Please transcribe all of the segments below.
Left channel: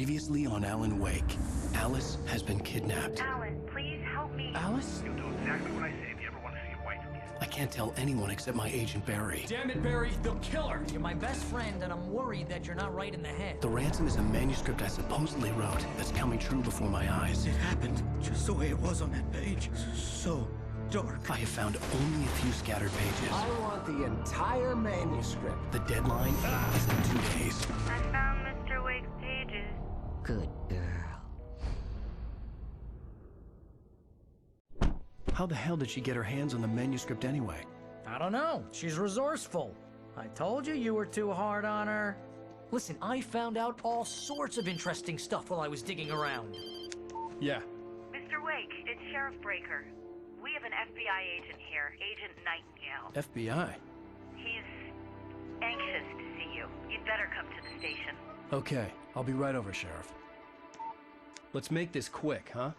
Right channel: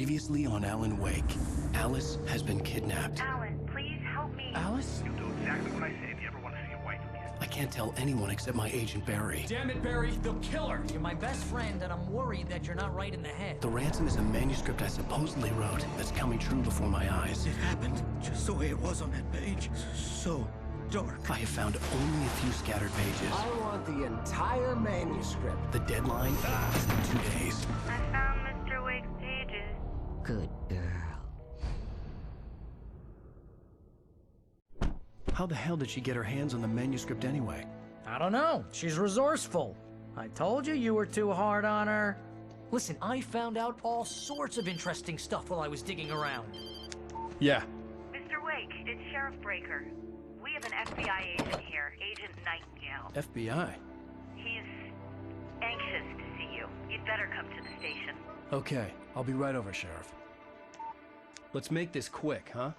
Previously on Alan Wake, Alice has been kidnapped. Alan, please help me. Alice? You'll do exactly what I say if you ever want to see your wife again. I can't tell anyone except my agent Barry. Damn it, Barry, they'll kill her! You're my best friend, and I'm worried that you're not right in the head. The ransom is a manuscript I supposedly wrote that's coming true before my eyes. It happened just the way it was on that page. So dark. I have found only a few scattered pages. I want the entire manuscript. The deadline is in 2 days. I found Mr. Wake's pages. Good girl. How the hell did she get her hands on the manuscript anyway? I don't know. She's resourceful. I told you you were too hard on her. Listen, I found out all sorts of interesting stuff while I was digging around. Yeah. Mr. Wake, it's Sheriff Breaker. We have an FBI agent here, Agent Nightingale. FBI? He's anxious to see you. You'd better come to the station. Okay, I'll be right over, Sheriff. Let's make this quick, huh?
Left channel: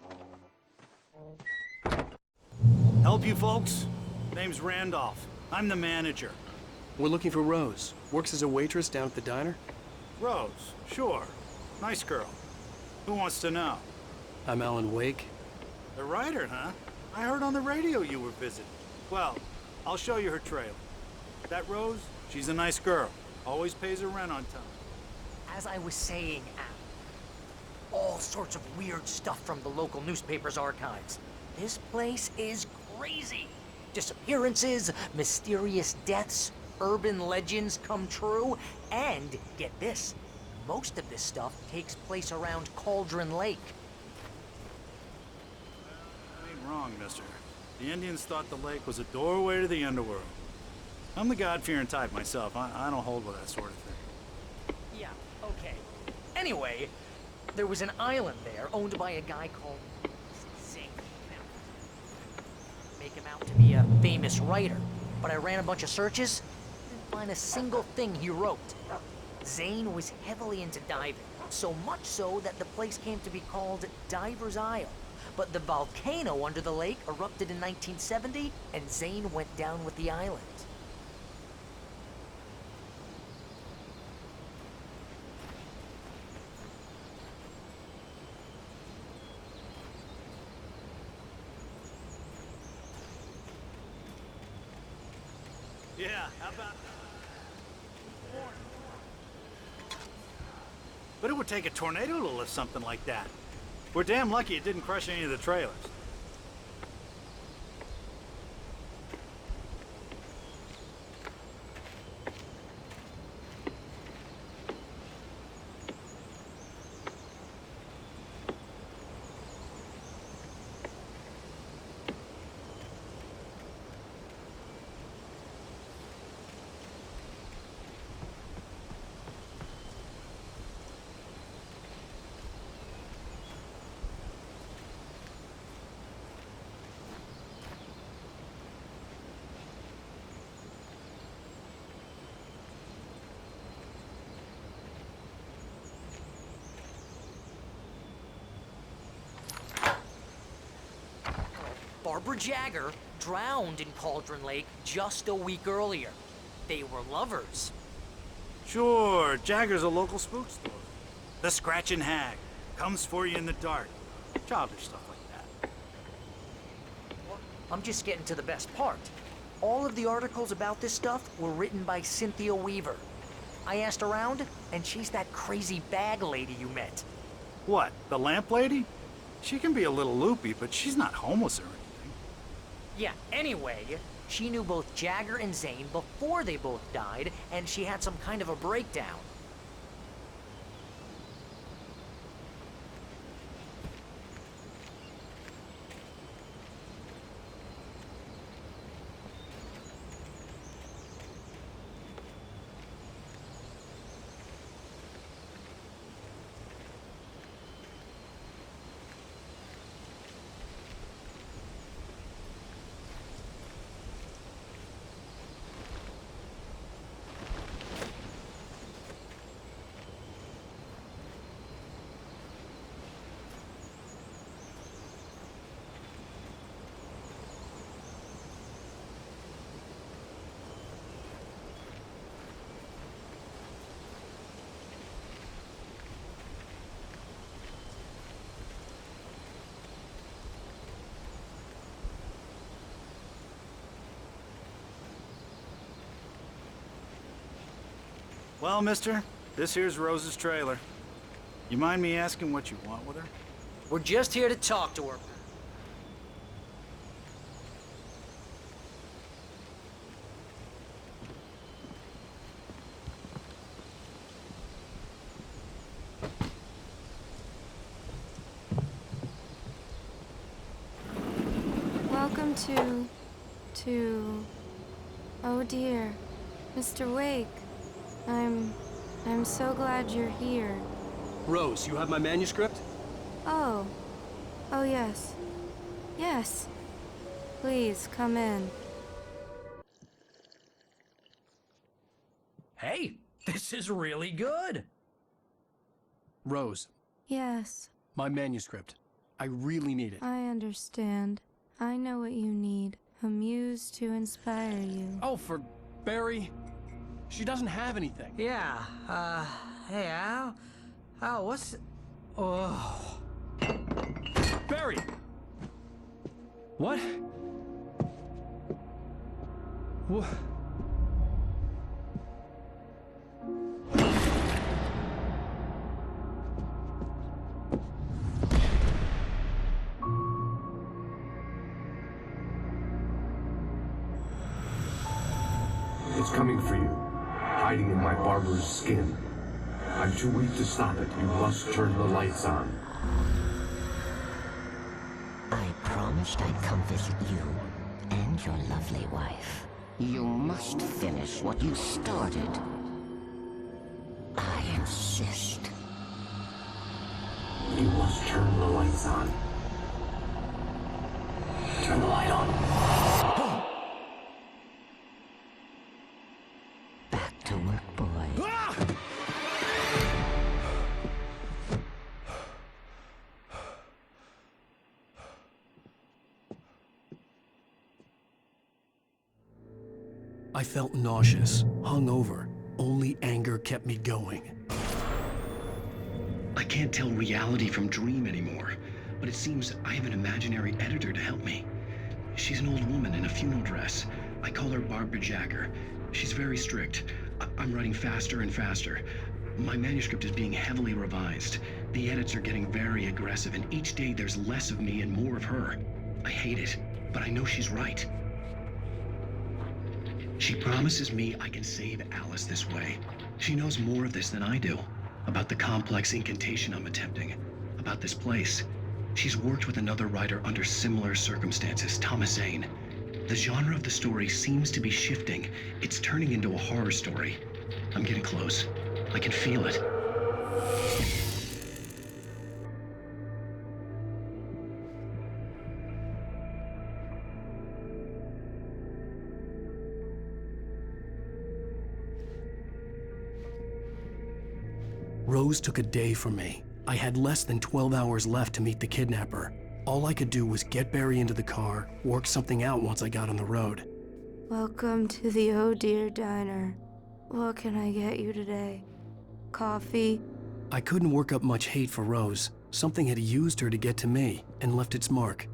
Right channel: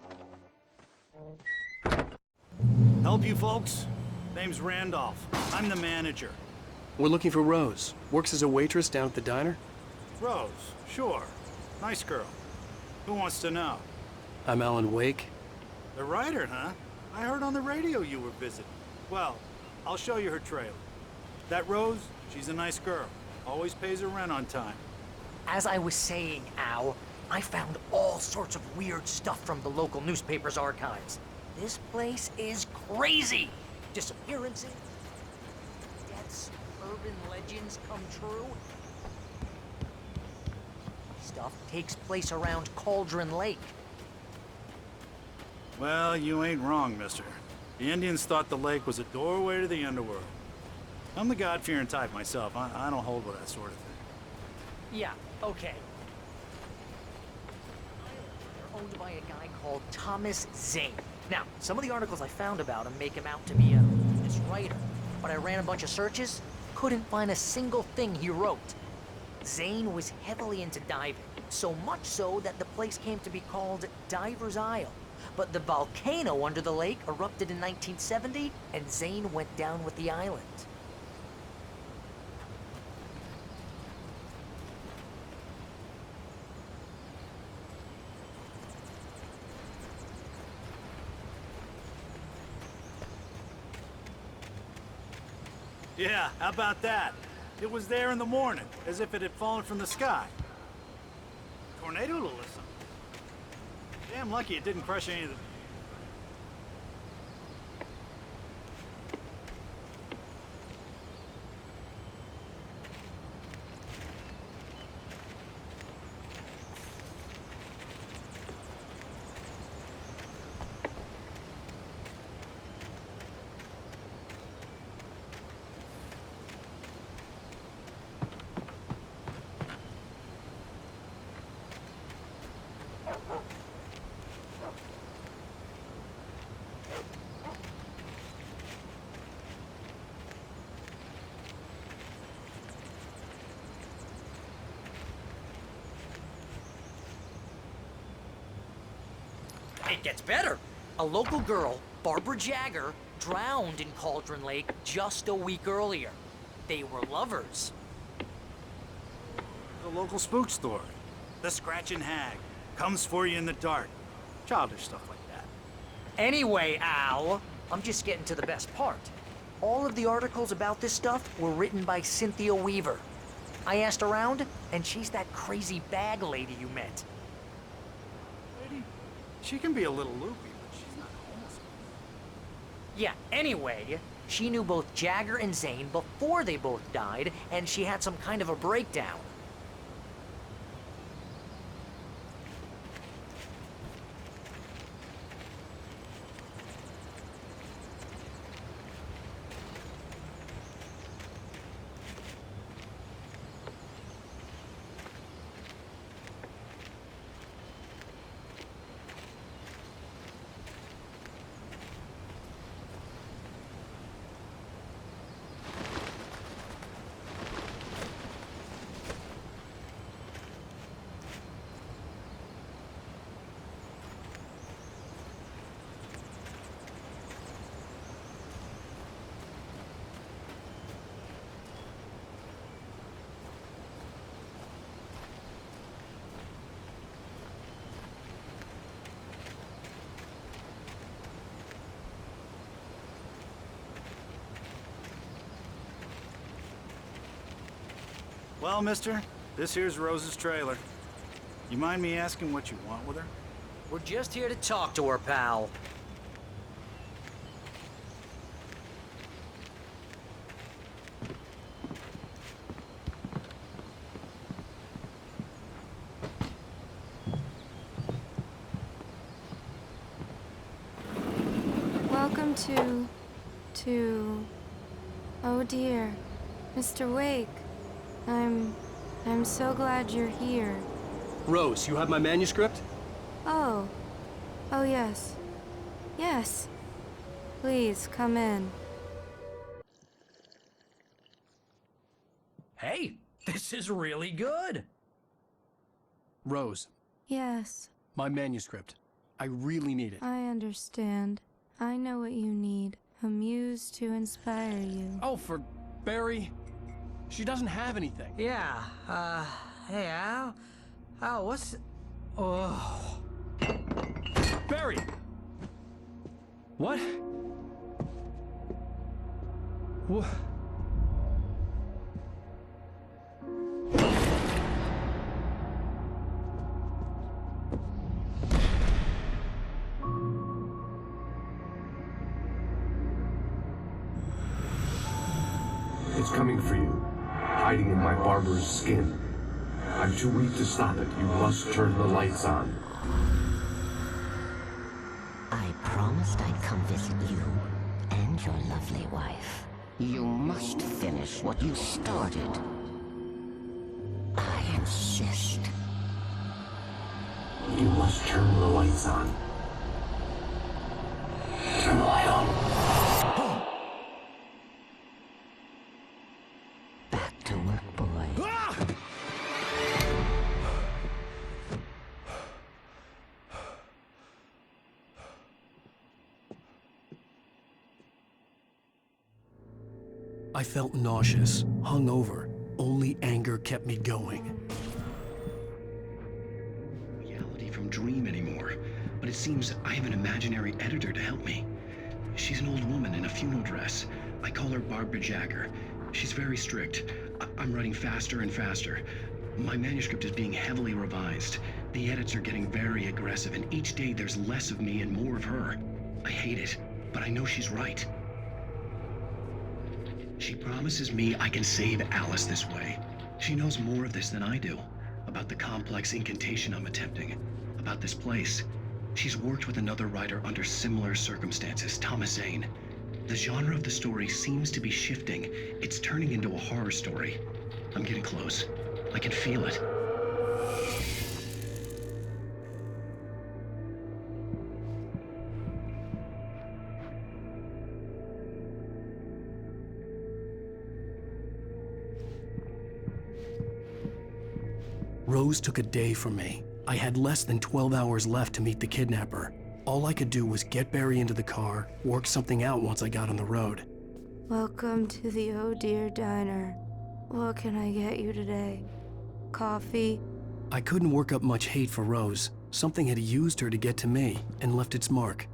Help you folks? Name's Randolph. I'm the manager. We're looking for Rose. Works as a waitress down at the diner. Rose, sure. Nice girl. Who wants to know? I'm Alan Wake. The writer, huh? I heard on the radio you were visiting. Well, I'll show you her trailer. That Rose, she's a nice girl. Always pays her rent on time. As I was saying, Al, I found all sorts of weird stuff from the local newspaper's archives. This place is crazy! Disappearances, mysterious deaths, urban legends come true, and get this, most of this stuff takes place around Cauldron Lake. Well, you ain't wrong, mister. The Indians thought the lake was a doorway to the underworld. I'm the God-fearing type myself. I don't hold with that sort of thing. Yeah, okay. Anyway, there was an island there owned by a guy called Thomas Zane. Now, some of the articles I found about him make him out to be a famous writer, but I ran a bunch of searches, couldn't find a single thing he wrote. Zane was heavily into diving, so much so that the place came to be called Diver's Isle. But the volcano under the lake erupted in 1970, and Zane went down with the island. Yeah, how about that? It was there in the morning, as if it had fallen from the sky. But it would take a tornado to lift something like that. We're damn lucky it didn't crush any of the trailers. It gets better. A local girl, Barbara Jagger, drowned in Cauldron Lake just a week earlier. They were lovers. Sure, Jagger's a local spook story. The Scratching Hag comes for you in the dark. Childish stuff like that. Anyway, Al, I'm just getting to the best part. All of the articles about this stuff were written by Cynthia Weaver. I asked around, and she's that crazy bag lady you met. What, the lamp lady? She can be a little loopy, but she's not homeless or anything. Yeah, anyway, she knew both Jagger and Zane before they both died, and she had some kind of a breakdown. Well, mister, this here's Rose's trailer. You mind me asking what you want with her? We're just here to talk to her, pal. Welcome to... Oh dear, Mr. Wake. I'm so glad you're here. Rose, you have my manuscript? Oh. Oh yes. Yes. Please, come in. Hey, this is really good. Rose, Yes, my manuscript. I really need it. I understand. I know what you need. A muse to inspire you. Oh, for Barry. She doesn't have anything. Yeah, hey, Al, what's... Oh... Barry! What? What? It's coming for you, hiding in my barber's skin. I'm too weak to stop it. You must turn the lights on. I promised I'd come visit you and your lovely wife. You must finish what you started. I insist. You must turn the lights on. Turn the light on. Back to work, boy. I felt nauseous, hungover. Only anger kept me going. I can't tell reality from dream anymore, but it seems I have an imaginary editor to help me. She's an old woman in a funeral dress. I call her Barbara Jagger. She's very strict. I'm writing faster and faster. My manuscript is being heavily revised. The edits are getting very aggressive, and each day there's less of me and more of her. I hate it, but I know she's right. She promises me I can save Alice this way. She knows more of this than I do. About the complex incantation I'm attempting. About this place. She's worked with another writer under similar circumstances, Thomas Zane. The genre of the story seems to be shifting. It's turning into a horror story. I'm getting close. I can feel it. Rose took a day from me. I had less than 12 hours left to meet the kidnapper. All I could do was get Barry into the car, work something out once I got on the road. Welcome to the Oh Dear Diner. What can I get you today? Coffee? I couldn't work up much hate for Rose. Something had used her to get to me and left its mark.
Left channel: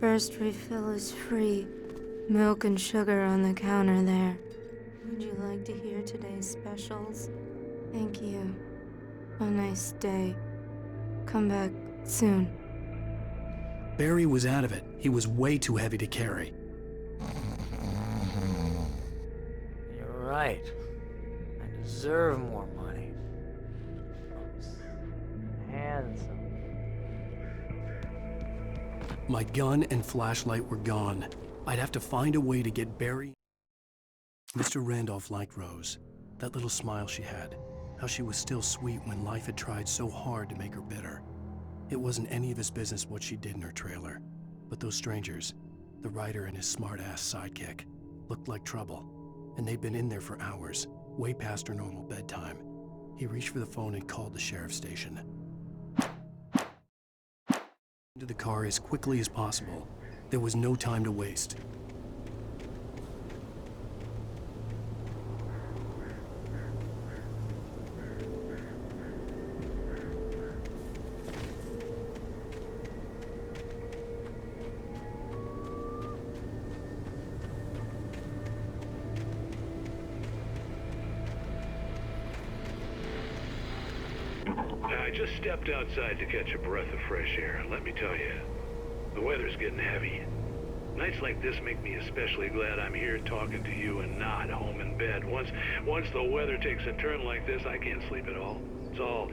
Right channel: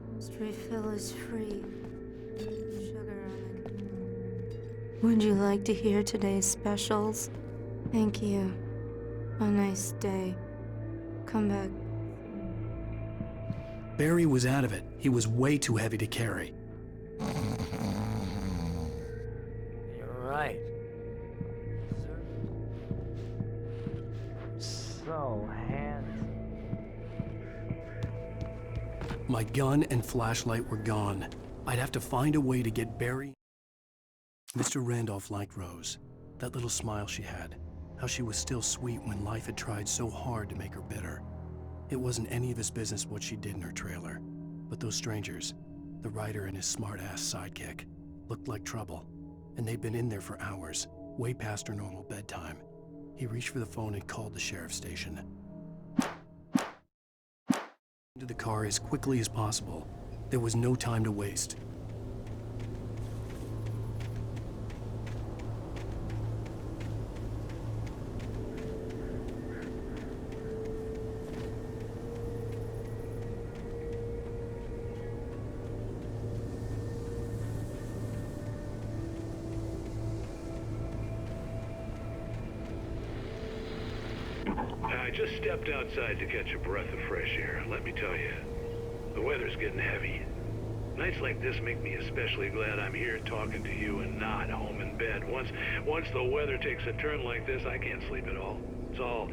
First refill is free. Milk and sugar on the counter there. Would you like to hear today's specials? Thank you. A nice day. Come back soon. Barry was out of it. He was way too heavy to carry. You're right. I deserve more money. I'm so handsome. My gun and flashlight were gone. I'd have to find a way to get Barry. Mr. Randolph liked Rose. That little smile she had. How she was still sweet when life had tried so hard to make her bitter. It wasn't any of his business what she did in her trailer. But those strangers, the writer and his smart-ass sidekick, looked like trouble. And they'd been in there for hours, way past her normal bedtime. He reached for the phone and called the sheriff's station. Into the car as quickly as possible. There was no time to waste. I just stepped outside to catch a breath of fresh air. Let me tell you, the weather's getting heavy. Nights like this make me especially glad I'm here talking to you and not home in bed. Once the weather takes a turn like this, I can't sleep at all. It's all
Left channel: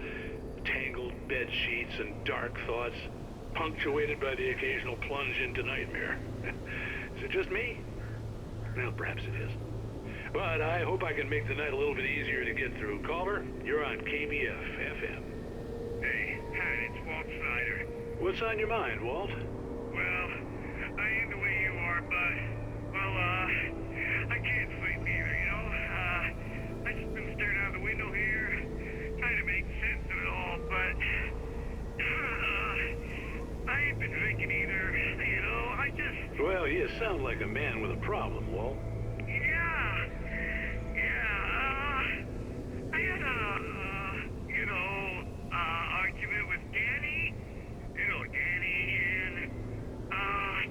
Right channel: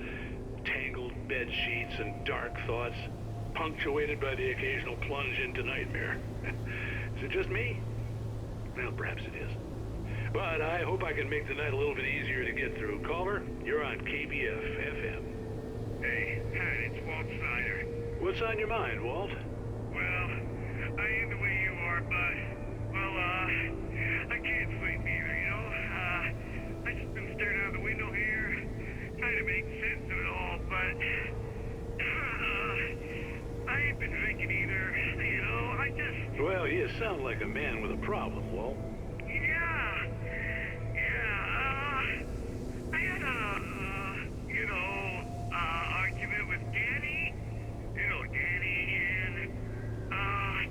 tangled bed sheets and dark thoughts, punctuated by the occasional plunge into nightmare. Is it just me? Well, perhaps it is. But I hope I can make the night a little bit easier to get through. Caller, you're on KBF FM. Hey, Pat, it's Walt Snyder. What's on your mind, Walt? Well, I am the way you are, but, well, I can't sleep either, you know? I just been staring out the window here, trying to make sense of it all, but, I ain't been drinking either, you know? Well, you sound like a man with a problem, Walt. I had argument with Danny. You know, Danny, and,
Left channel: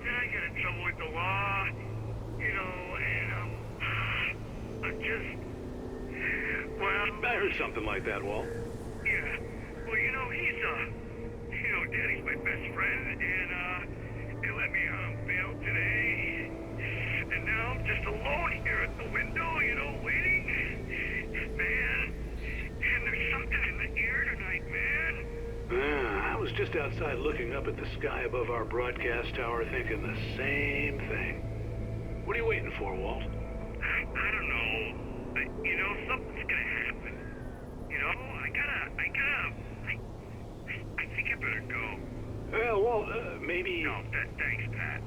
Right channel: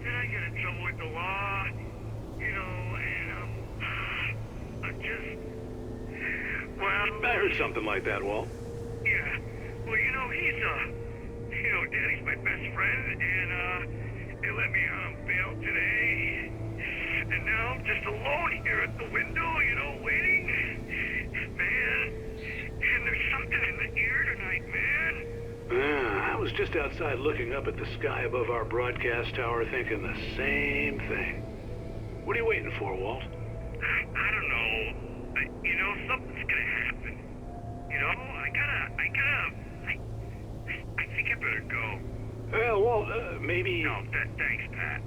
then I got in trouble with the law, you know, and, I'm just, well... I heard something like that, Walt. Yeah. Well, you know, Danny's my best friend, and, they let me out on bail today. And now I'm just alone here at the window, you know, waiting. Man, and there's something in the air tonight, man. I was just outside looking up at the sky above our broadcast tower thinking the same thing. What are you waiting for, Walt? I don't know. You know, something's gonna happen. You know, I think I better go. Well, Walt, maybe... No, thanks, Pat.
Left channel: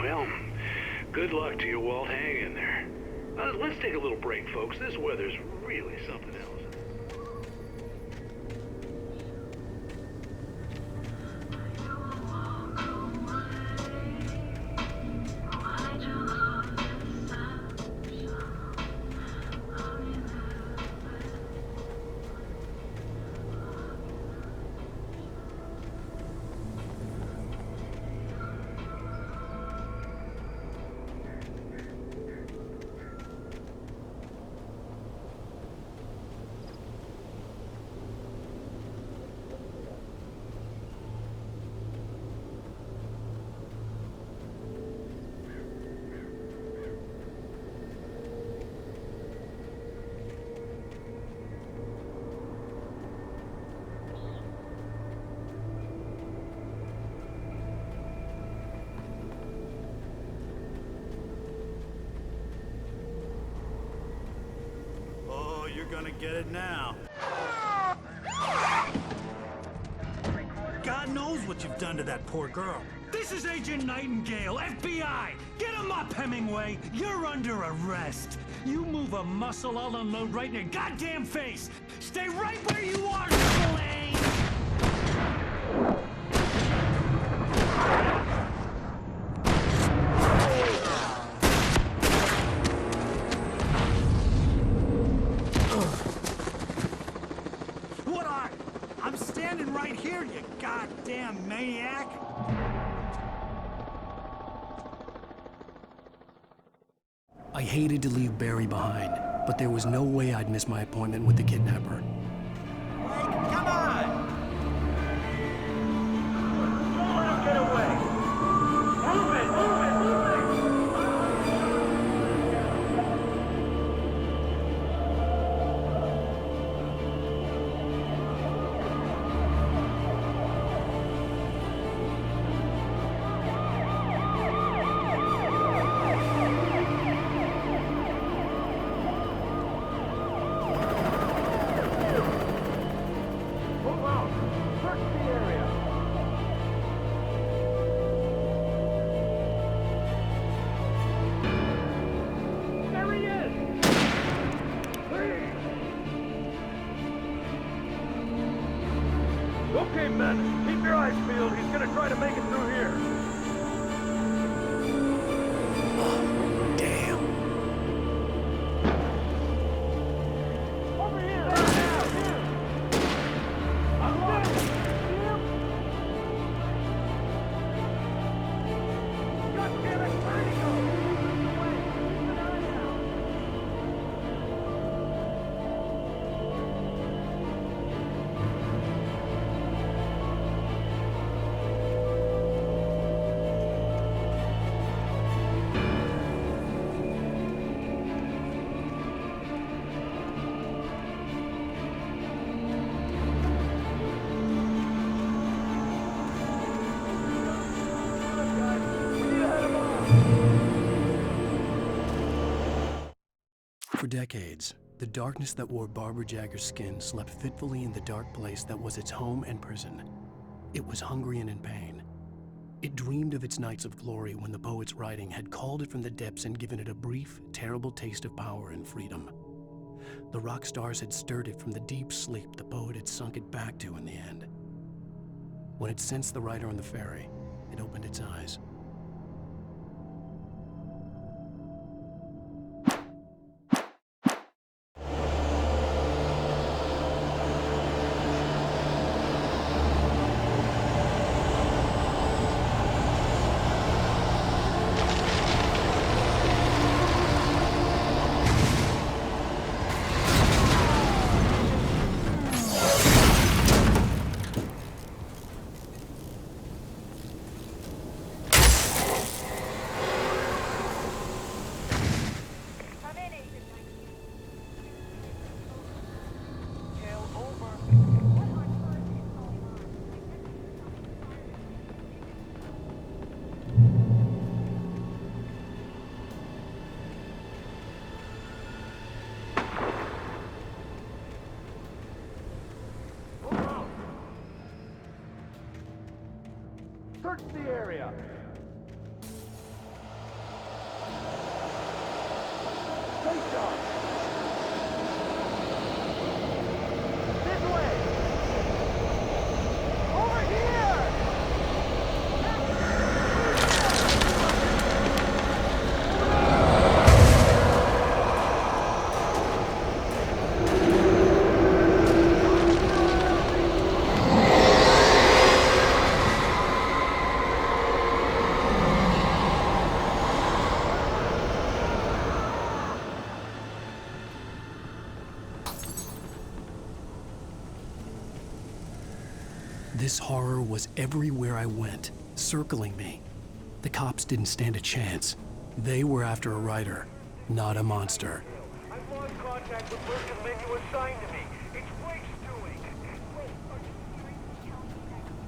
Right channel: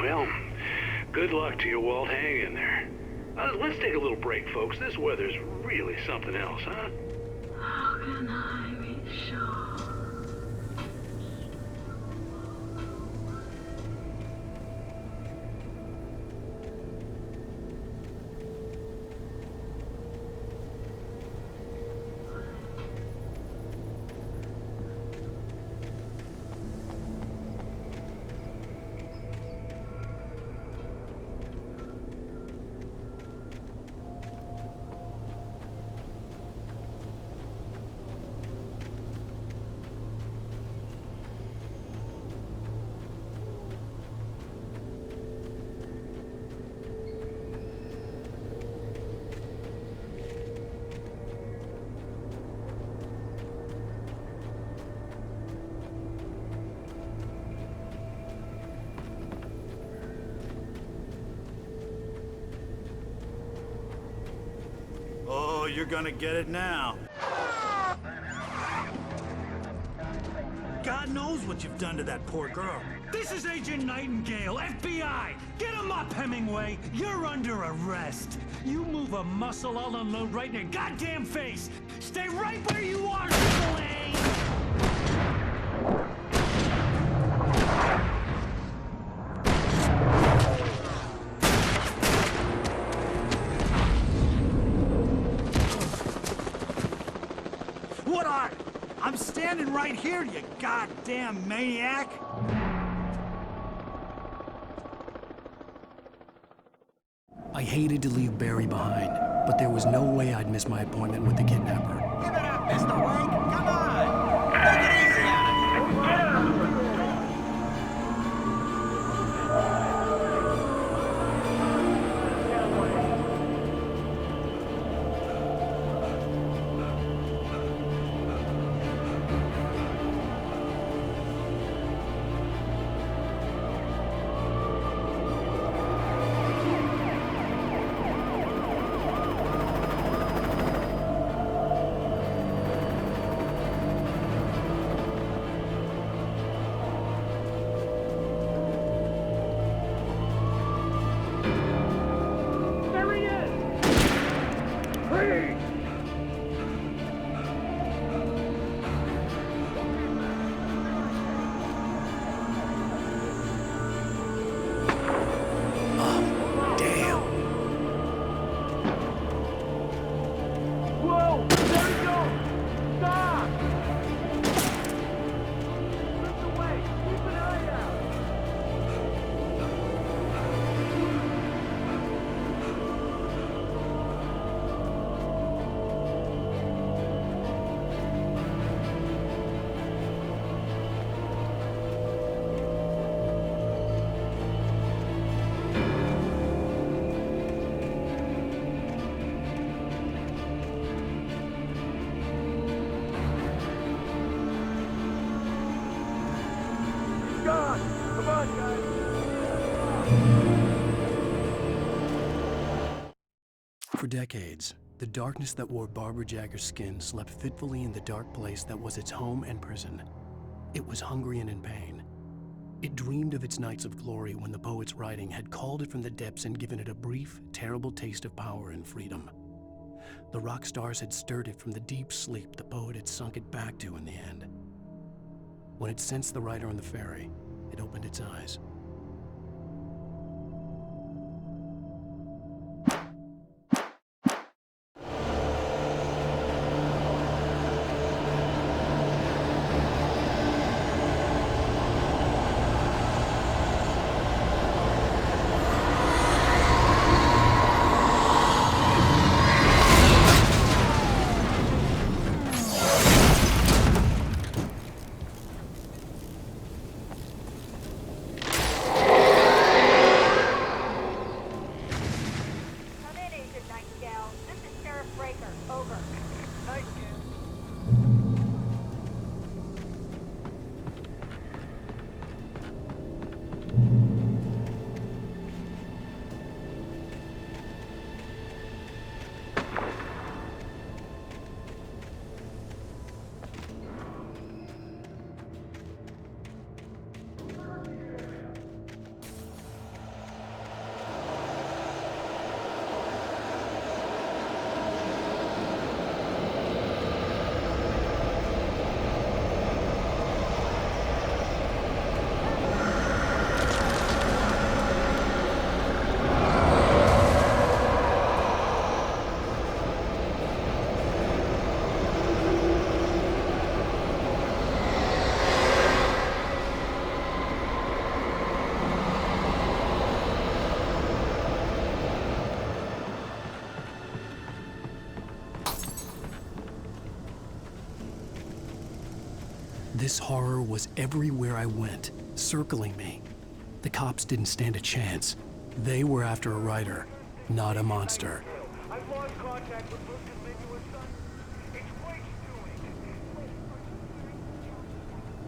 Well, good luck to you, Walt. Hang in there. Let's take a little break, folks. This weather's really something else, huh? How can I be sure that you will walk away? Why do you love deception? Oh, you're gonna get it now. God knows what you've done to that poor girl. This is Agent Nightingale, FBI! Get him up, Hemingway! You're under arrest! You move a muscle, I'll unload right in your goddamn face! Stay right where you are, Slane! What are? I'm standing right here, you goddamn maniac! I hated to leave Barry behind, but there was no way I'd miss my appointment with the kidnapper. Give it up, Mr. Wake! Come on! Take it easy on him! Get after him! Don't let him get away! Move it! Move it! Move it! Let him get away! There he is! Freeze! Okay, men. Keep your eyes peeled. He's gonna try to make it through here. Oh, damn. Whoa! Stop! Lift away! Keep an eye out! God damn it! For decades, the darkness that wore Barbara Jagger's skin slept fitfully in the dark place that was its home and prison. It was hungry and in pain. It dreamed of its nights of glory when the poet's writing had called it from the depths and given it a brief, terrible taste of power and freedom. The rock stars had stirred it from the deep sleep the poet had sunk it back to in the end. When it sensed the writer on the ferry, it opened its eyes. Search the area. This horror was everywhere I went, circling me. The cops didn't stand a chance. They were after a writer, not a monster. I've lost contact with Luke's men you assigned to me. It's Blake's doing. Wait, are you seriously telling me that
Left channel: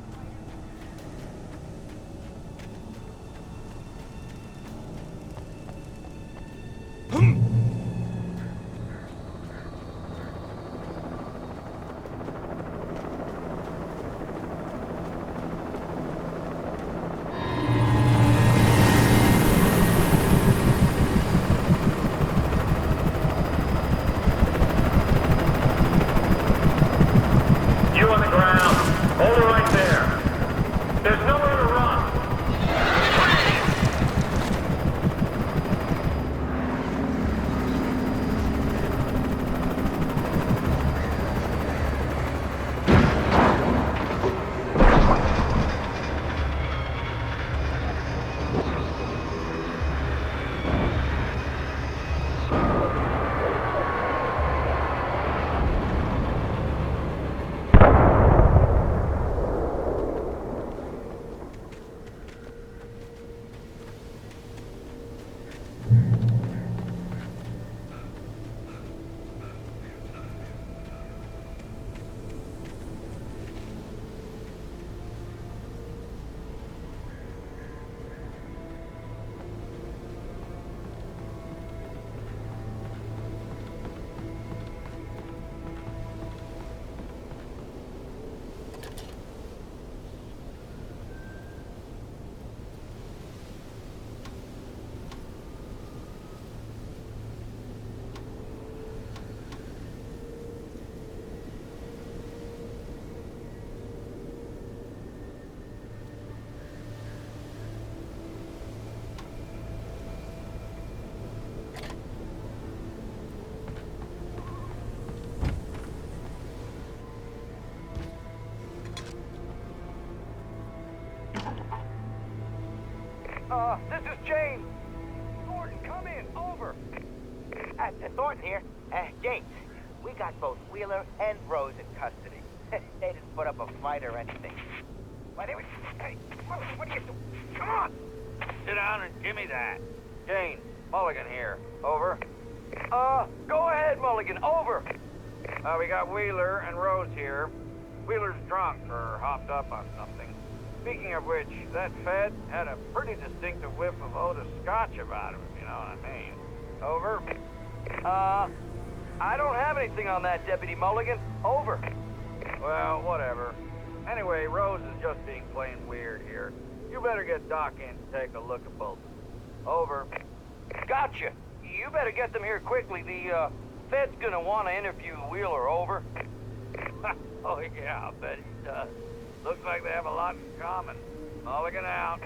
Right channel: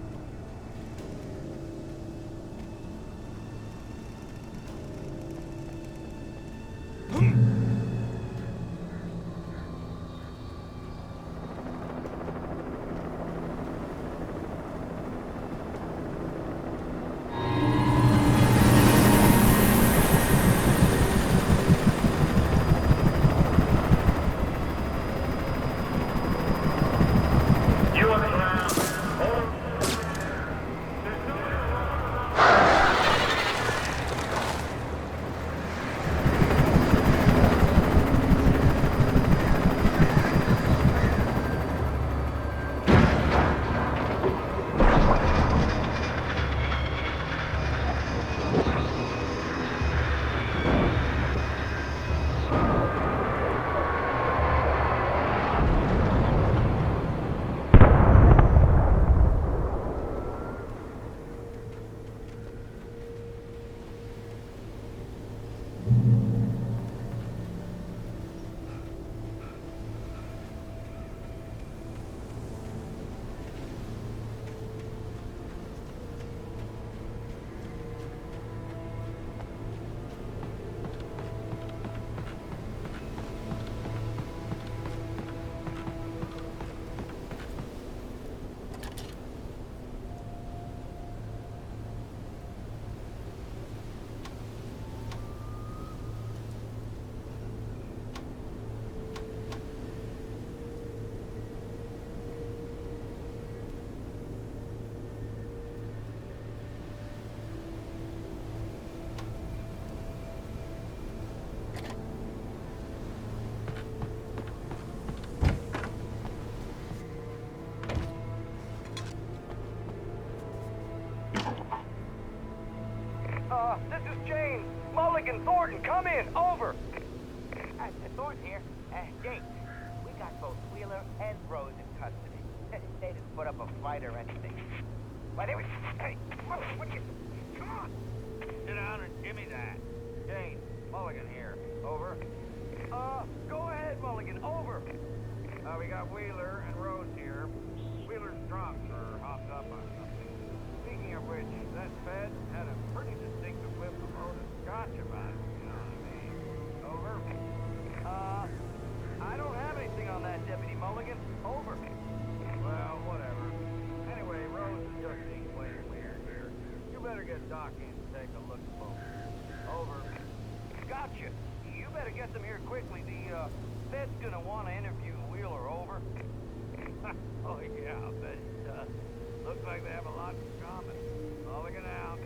this is James. Mulligan, Thornton, come in. Over. Thornton here. James, we got both Wheeler and Rose in custody. They didn't put up a fight or anything. Why, they were... Hey, what are you doing? Come on! Sit down and give me that. Jane, Mulligan here. Over. Go ahead, Mulligan. Over. We got Wheeler and Rose here. Wheeler's drunk or hopped up on something. Speaking of which, that Fed had a pretty distinctive whiff of Otis Scotch about him, if you know what I mean. Over. I don't have anything on that, Deputy Mulligan. Over. Well, whatever. Anyway, Rose is just being plain weird here. You better get Doc in to take a look at both. Over. Gotcha. You better get them here quickly. The, Fed's gonna want to interview Wheeler. Over. Oh, yeah, I bet he does. Looks like they have a lot in common. Mulligan out.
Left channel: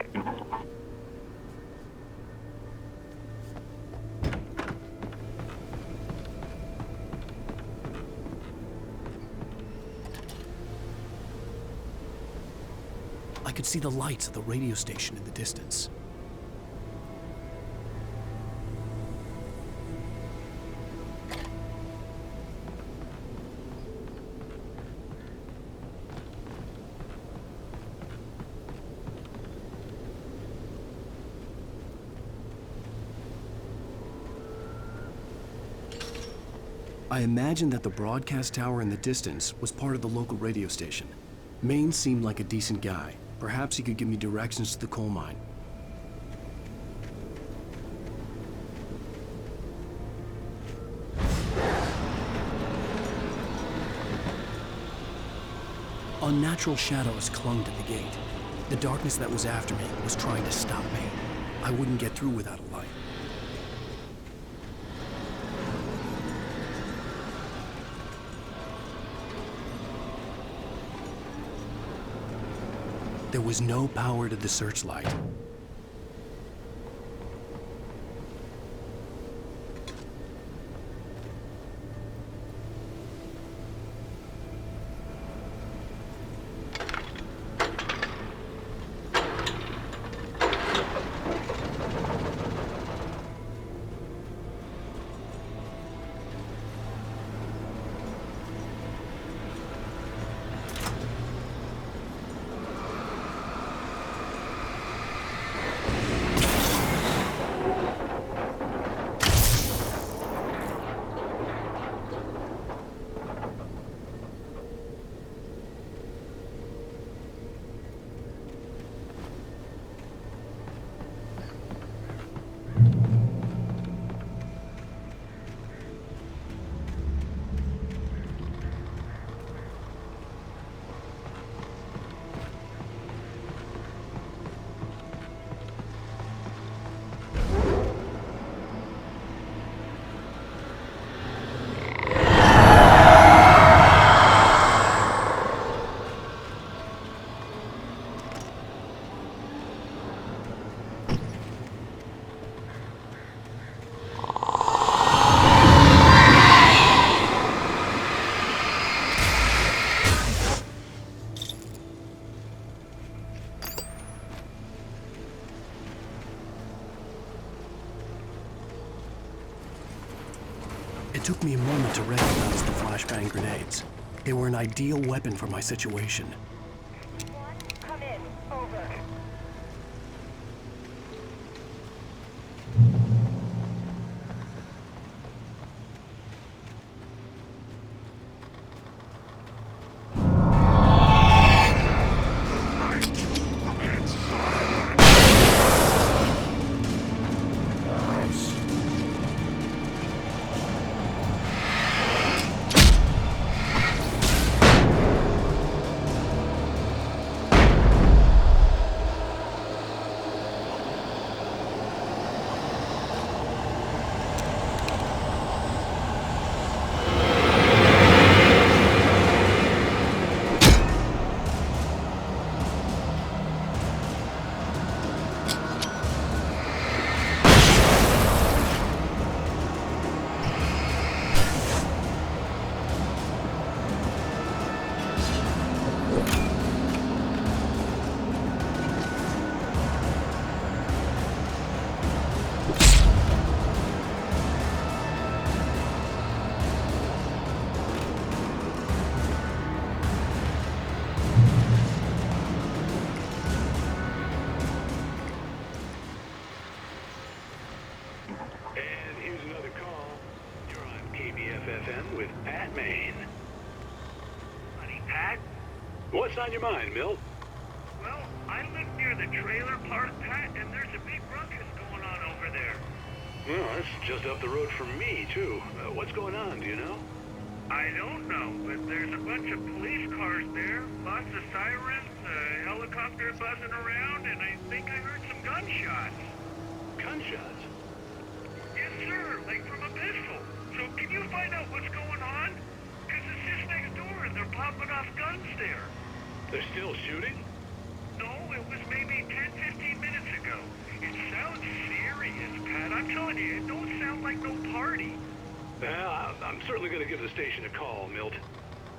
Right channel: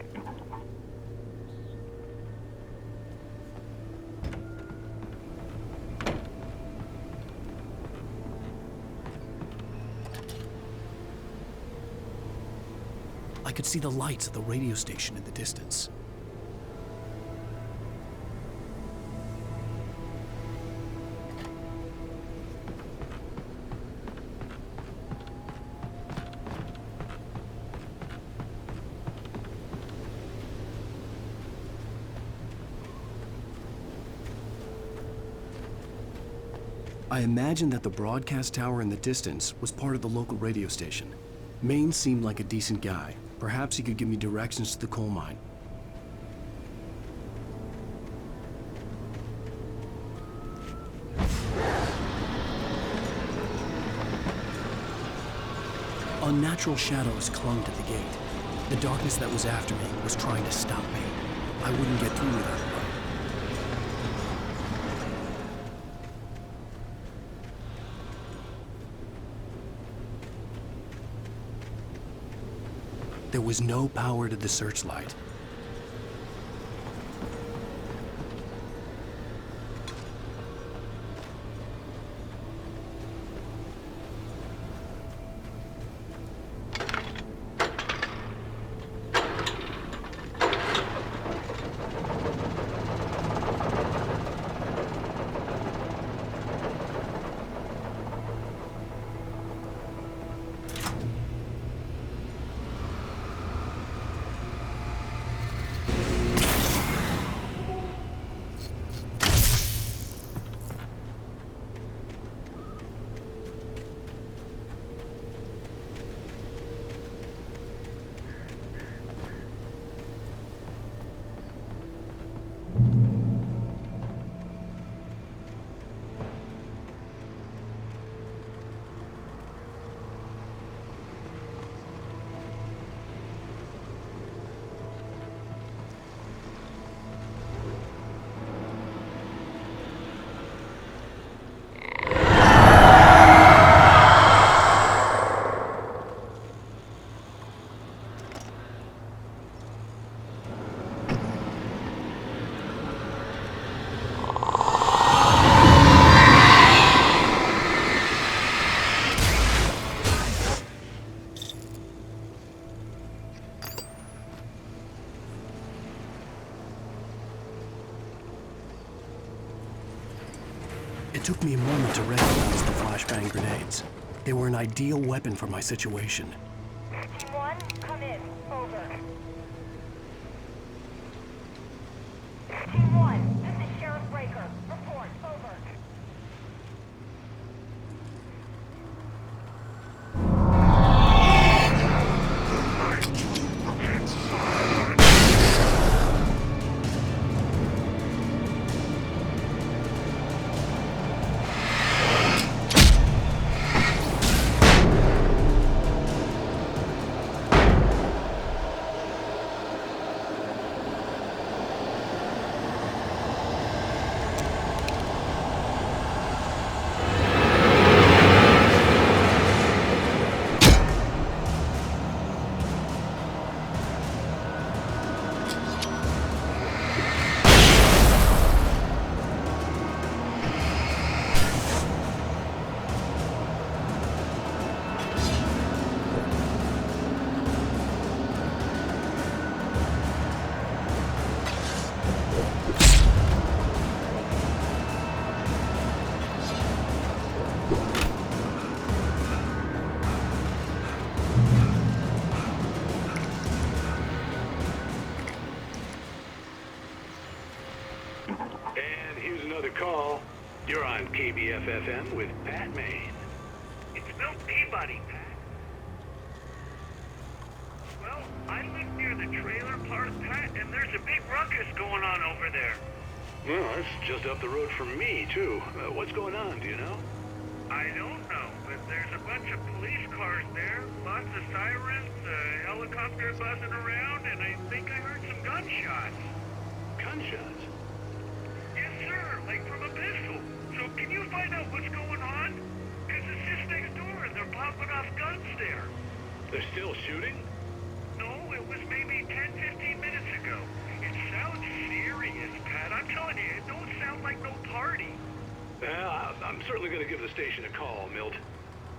I could see the lights of the radio station in the distance. I imagined that the broadcast tower in the distance was part of the local radio station. Maine seemed like a decent guy. Perhaps he could give me directions to the coal mine. Unnatural shadows clung to the gate. The darkness that was after me was trying to stop me. I wouldn't get through without a light. There was no power to the searchlight. It took me a moment to recognize the flashbang grenades. They were an ideal weapon for my situation. Team 1, come in. Over. Team 1, this is Sheriff Breaker. Report. Over. And here's another call. You're on KBF-FM with Pat Maine. It's Milt Peabody, Pat. What's on your mind, Milt? Well, I live near the trailer park, Pat, and there's a big ruckus going on over there. Well, that's just up the road from me, too. What's going on, do you know? I don't know, but there's a bunch of police cars there, lots of sirens, a helicopter buzzing around, and I think I heard some gunshots. Gunshots? Yes, sir, like from a pistol. So can you find out what's going on? Because it's just next door and they're popping off guns there. They're still shooting? No, it was maybe 10, 15 minutes ago. It sounds serious, Pat. I'm telling you, it don't sound like no party. Well, I'm certainly going to give the station a call, Milt.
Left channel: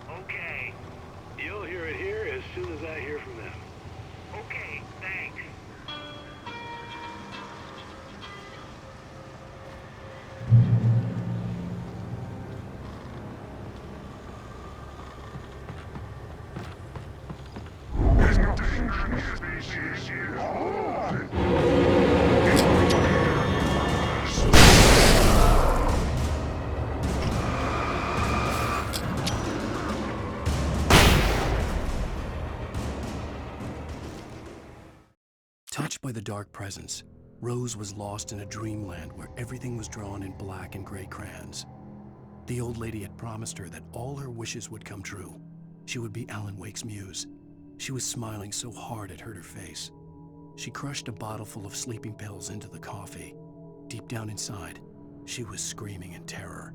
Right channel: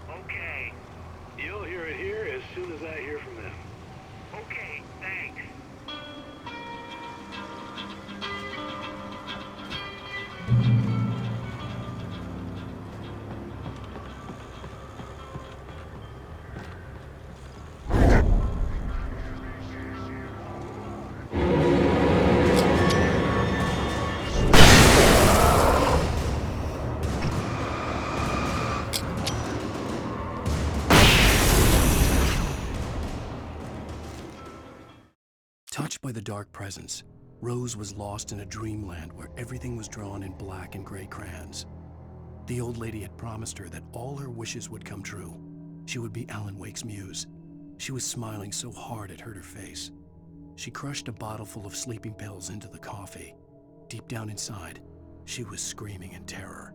Okay. You'll hear it here as soon as I hear from them. Okay, thanks. Touched by the dark presence, Rose was lost in a dreamland where everything was drawn in black and gray crayons. The old lady had promised her that all her wishes would come true. She would be Alan Wake's muse. She was smiling so hard it hurt her face. She crushed a bottle full of sleeping pills into the coffee. Deep down inside, she was screaming in terror.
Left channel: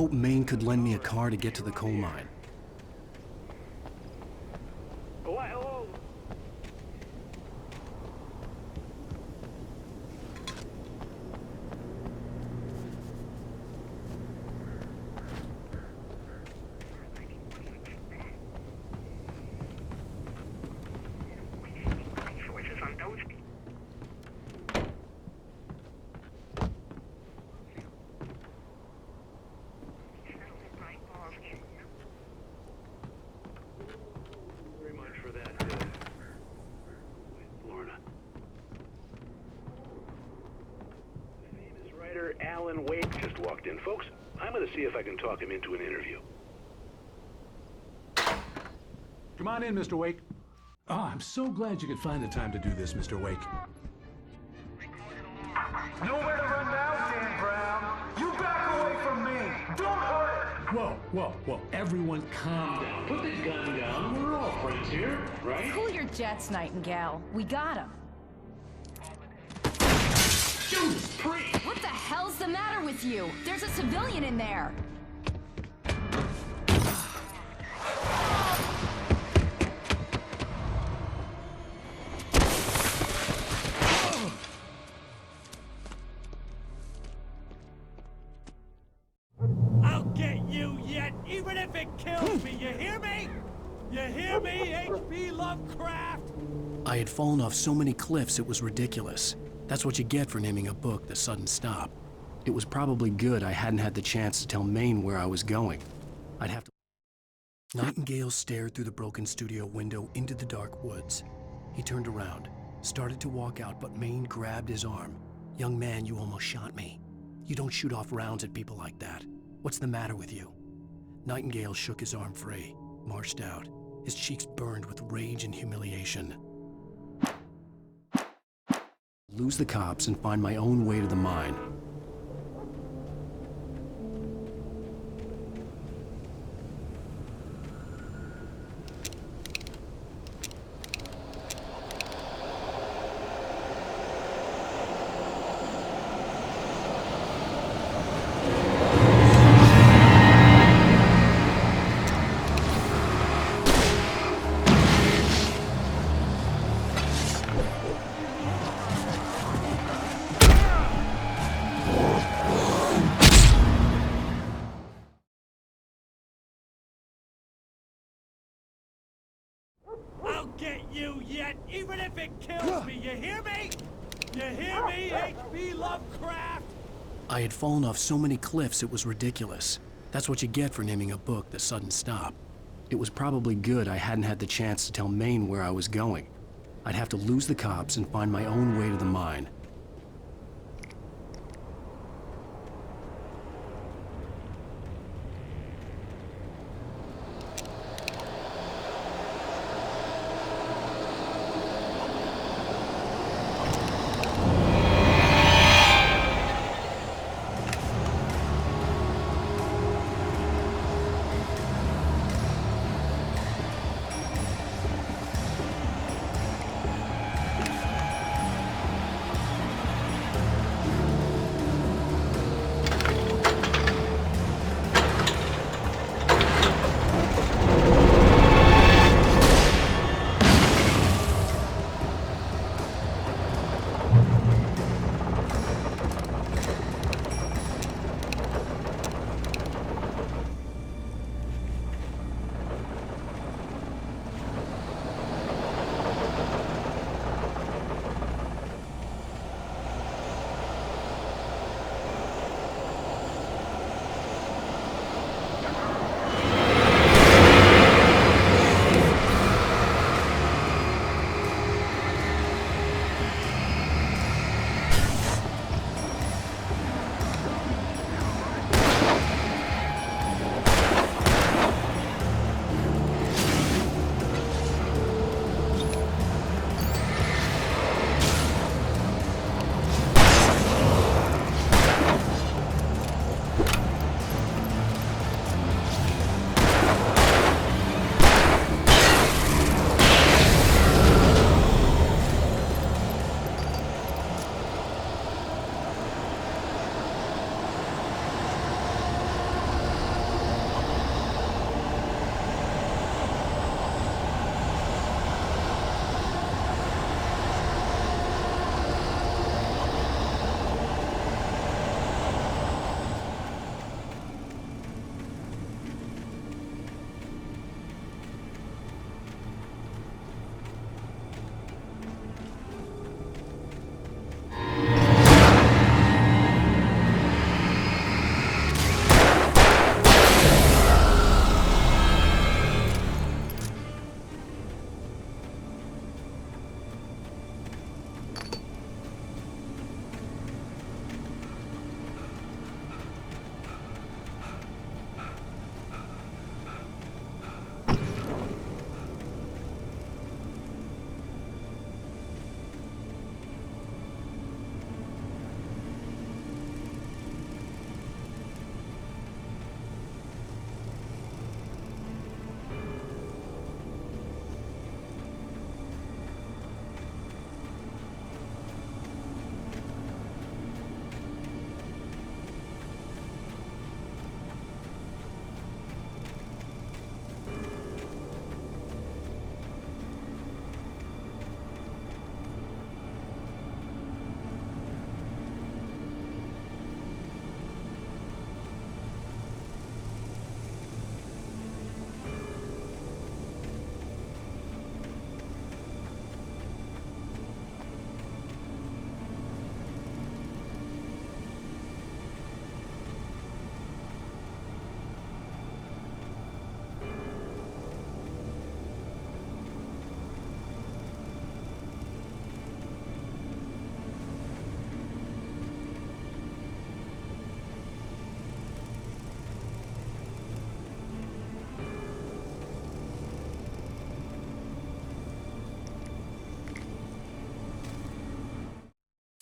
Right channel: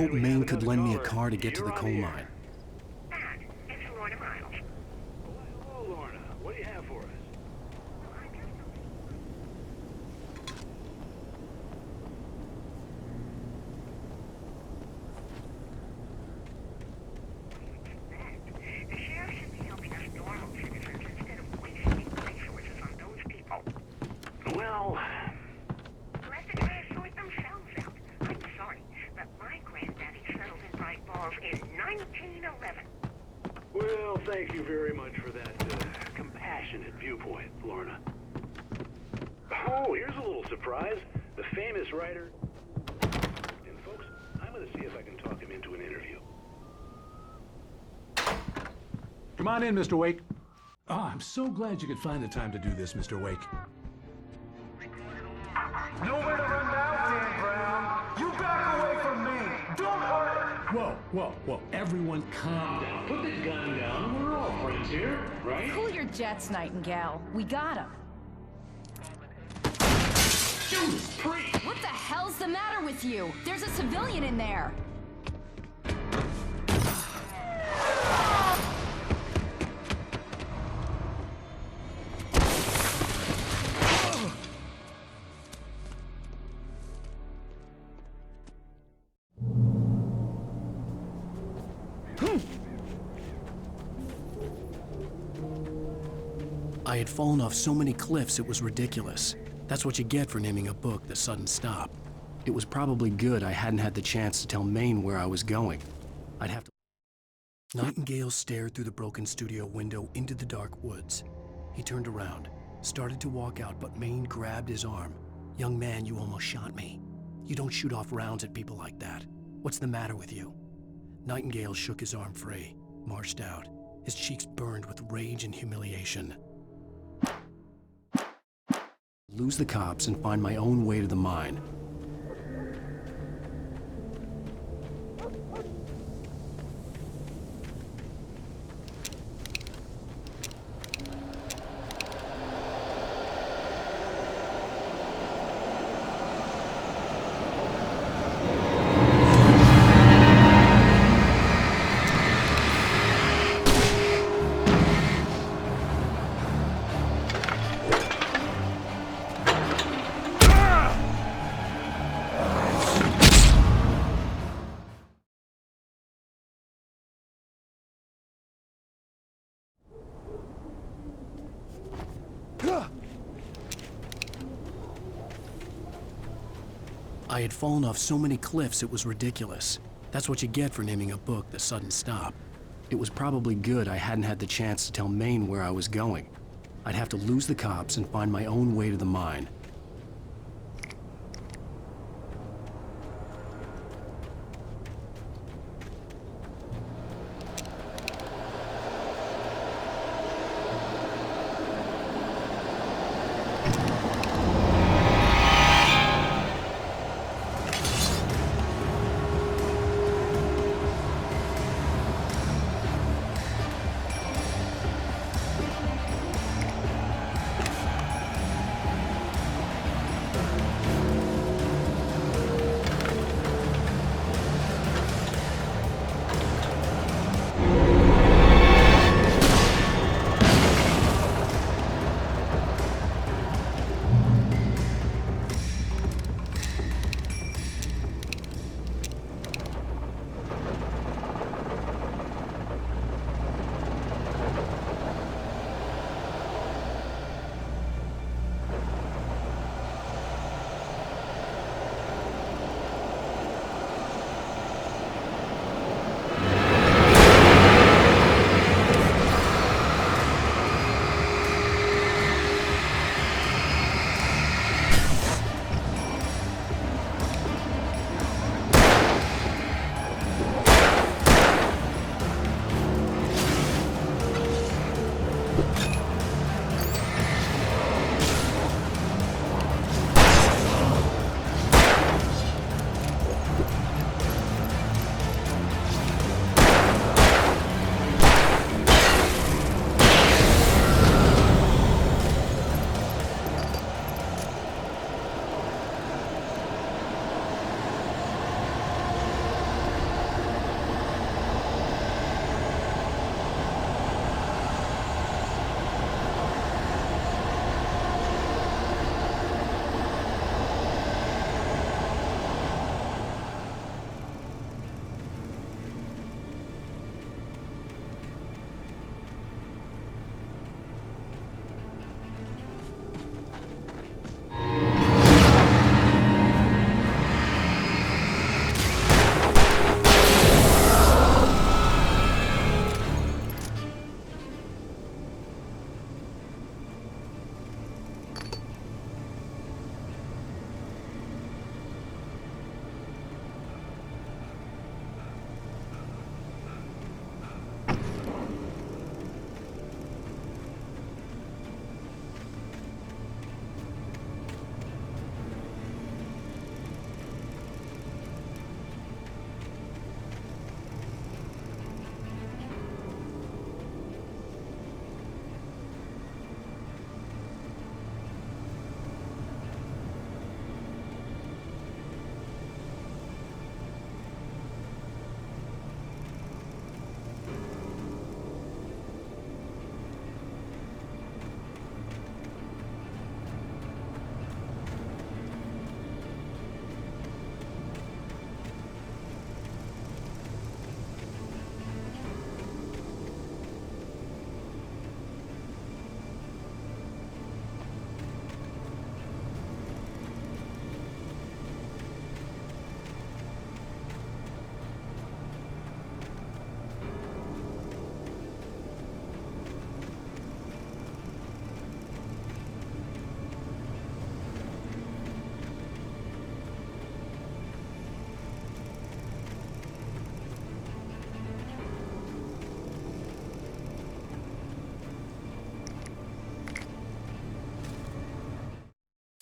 hoped Maine could lend me a car to get to the coal mine. Why, hello, Lorna. What do you have for us? Well, well, thank you very much for that compassionate viewpoint, Lorna. Oh, here's a little surprise. The famous writer Alan Wake just walked in. Folks, I'm going to see if I can talk him into an interview. Come on in, Mr. Wake. Oh, I'm so glad you could find the time to do this, Mr. Wake. Nowhere to run now, Dan Brown. You back away from me. Don't hurt her. Whoa, whoa, whoa. Everyone calm down. Put the gun down. We're all friends here, right? Cool your jets, Nightingale. We got him. Judas Priest! What the hell's the matter with you? There's a civilian in there. I'll get you yet, even if it kills me. You hear me? You hear me, H.P. Lovecraft? I had fallen off so many cliffs it was ridiculous. That's what you get for naming a book The Sudden Stop. It was probably good I hadn't had the chance to tell Maine where I was going. I'd have to... Nightingale stared through the broken studio window into the dark woods. He turned around, started to walk out, but Maine grabbed his arm. "Young man, you almost shot me. You don't shoot off rounds at people like that. What's the matter with you?" Nightingale shook his arm free, marched out. His cheeks burned with rage and humiliation. Lose the cops and find my own way to the mine. I'll get you yet, even if it kills me. You hear me? You hear me, H.P. Lovecraft? I had fallen off so many cliffs it was ridiculous. That's what you get for naming a book The Sudden Stop. It was probably good I hadn't had the chance to tell Maine where I was going. I'd have to lose the cops and find my own way to the mine.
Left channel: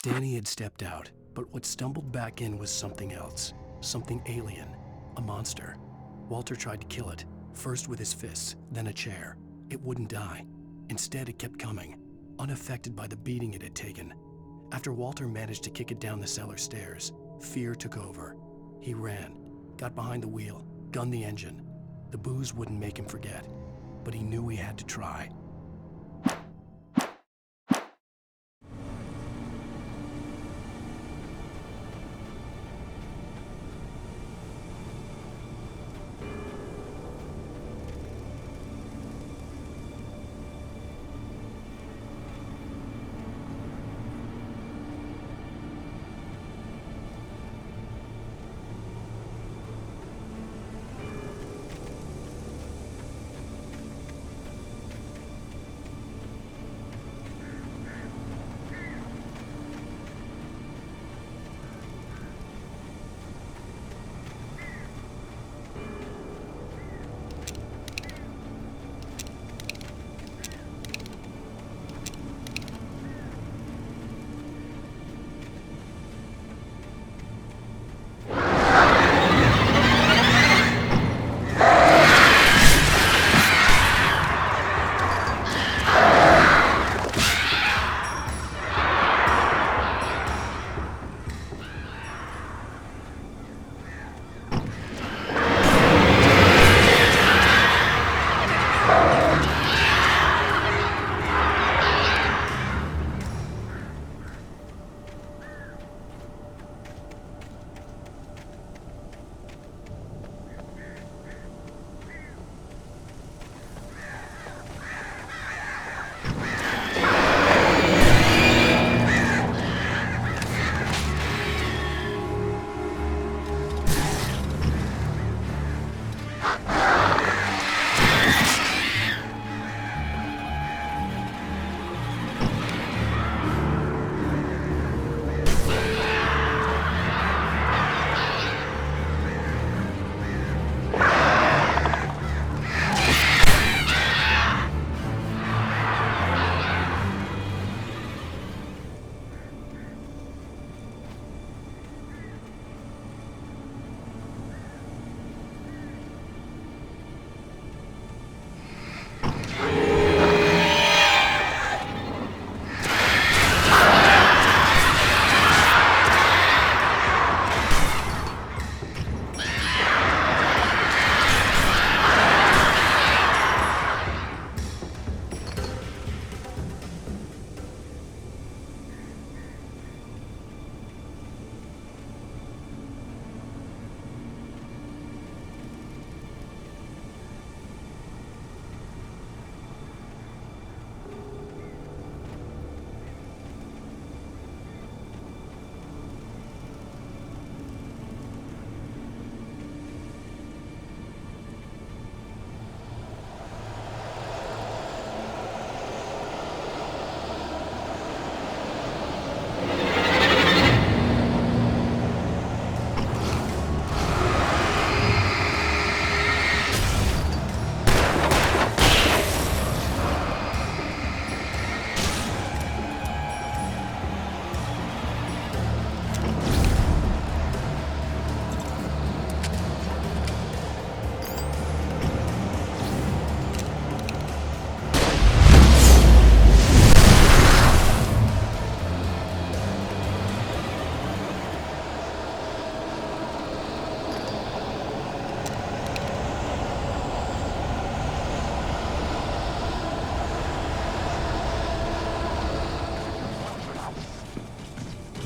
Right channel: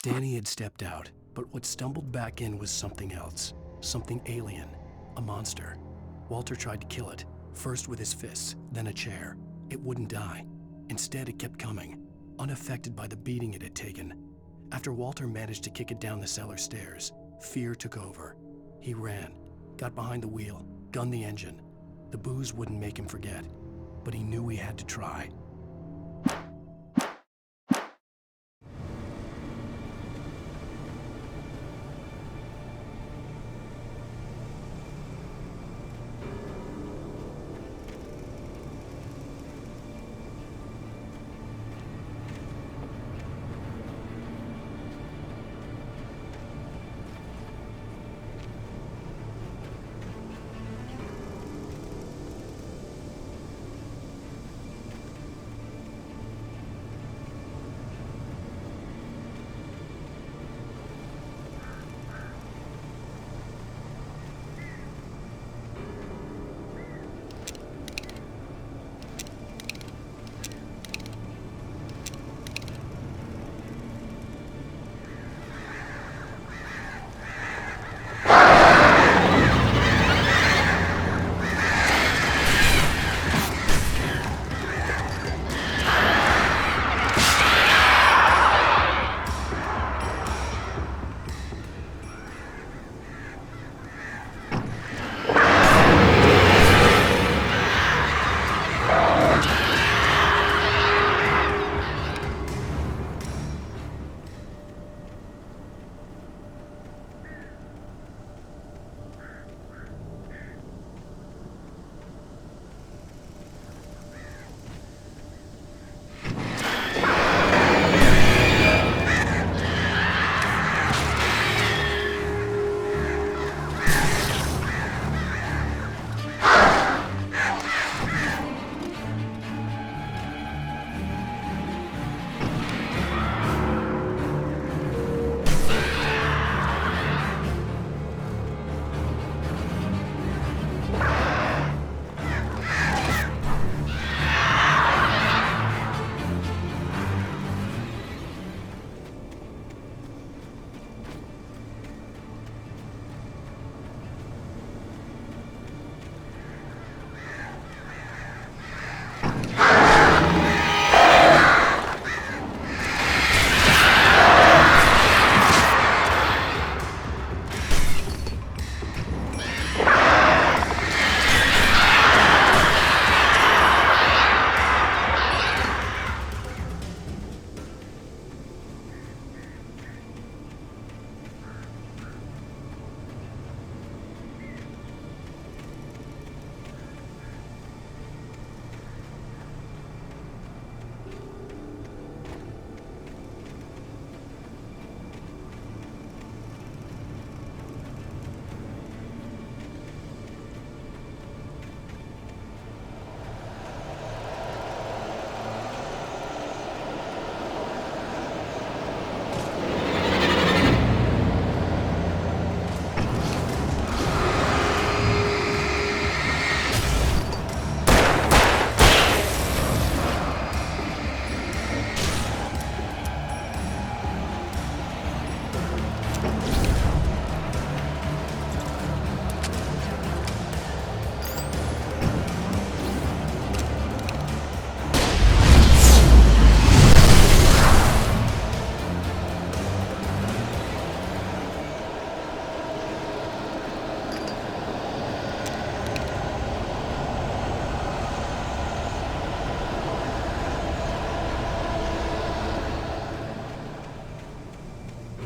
Danny had stepped out, but what stumbled back in was something else. Something alien. A monster. Walter tried to kill it, first with his fists, then a chair. It wouldn't die. Instead, it kept coming, unaffected by the beating it had taken. After Walter managed to kick it down the cellar stairs, fear took over. He ran, got behind the wheel, gunned the engine. The booze wouldn't make him forget, but he knew he had to try.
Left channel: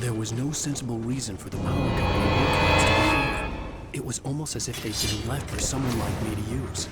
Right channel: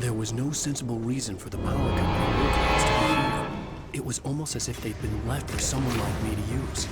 There was no sensible reason for the power company workloads to be here. It was almost as if they'd been left for someone like me to use.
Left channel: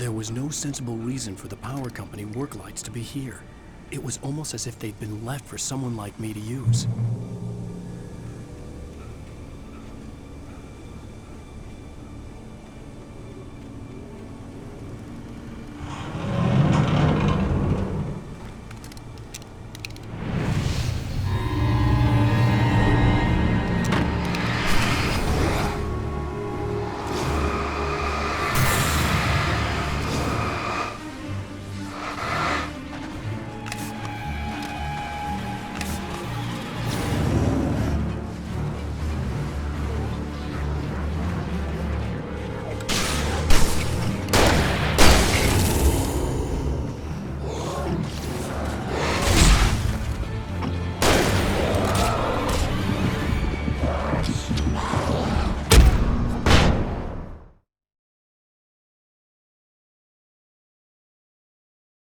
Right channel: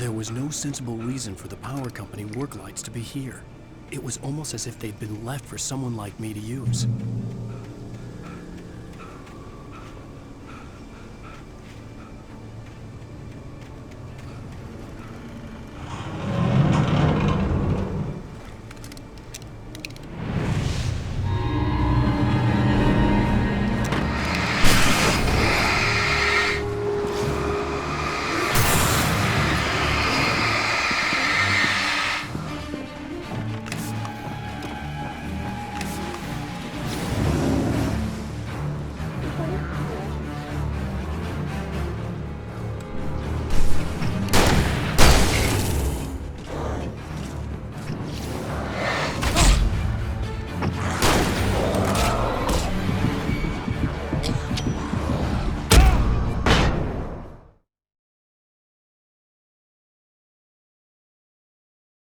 There was no sensible reason for the power company work lights to be here. It was almost as if they'd been left for someone like me to use.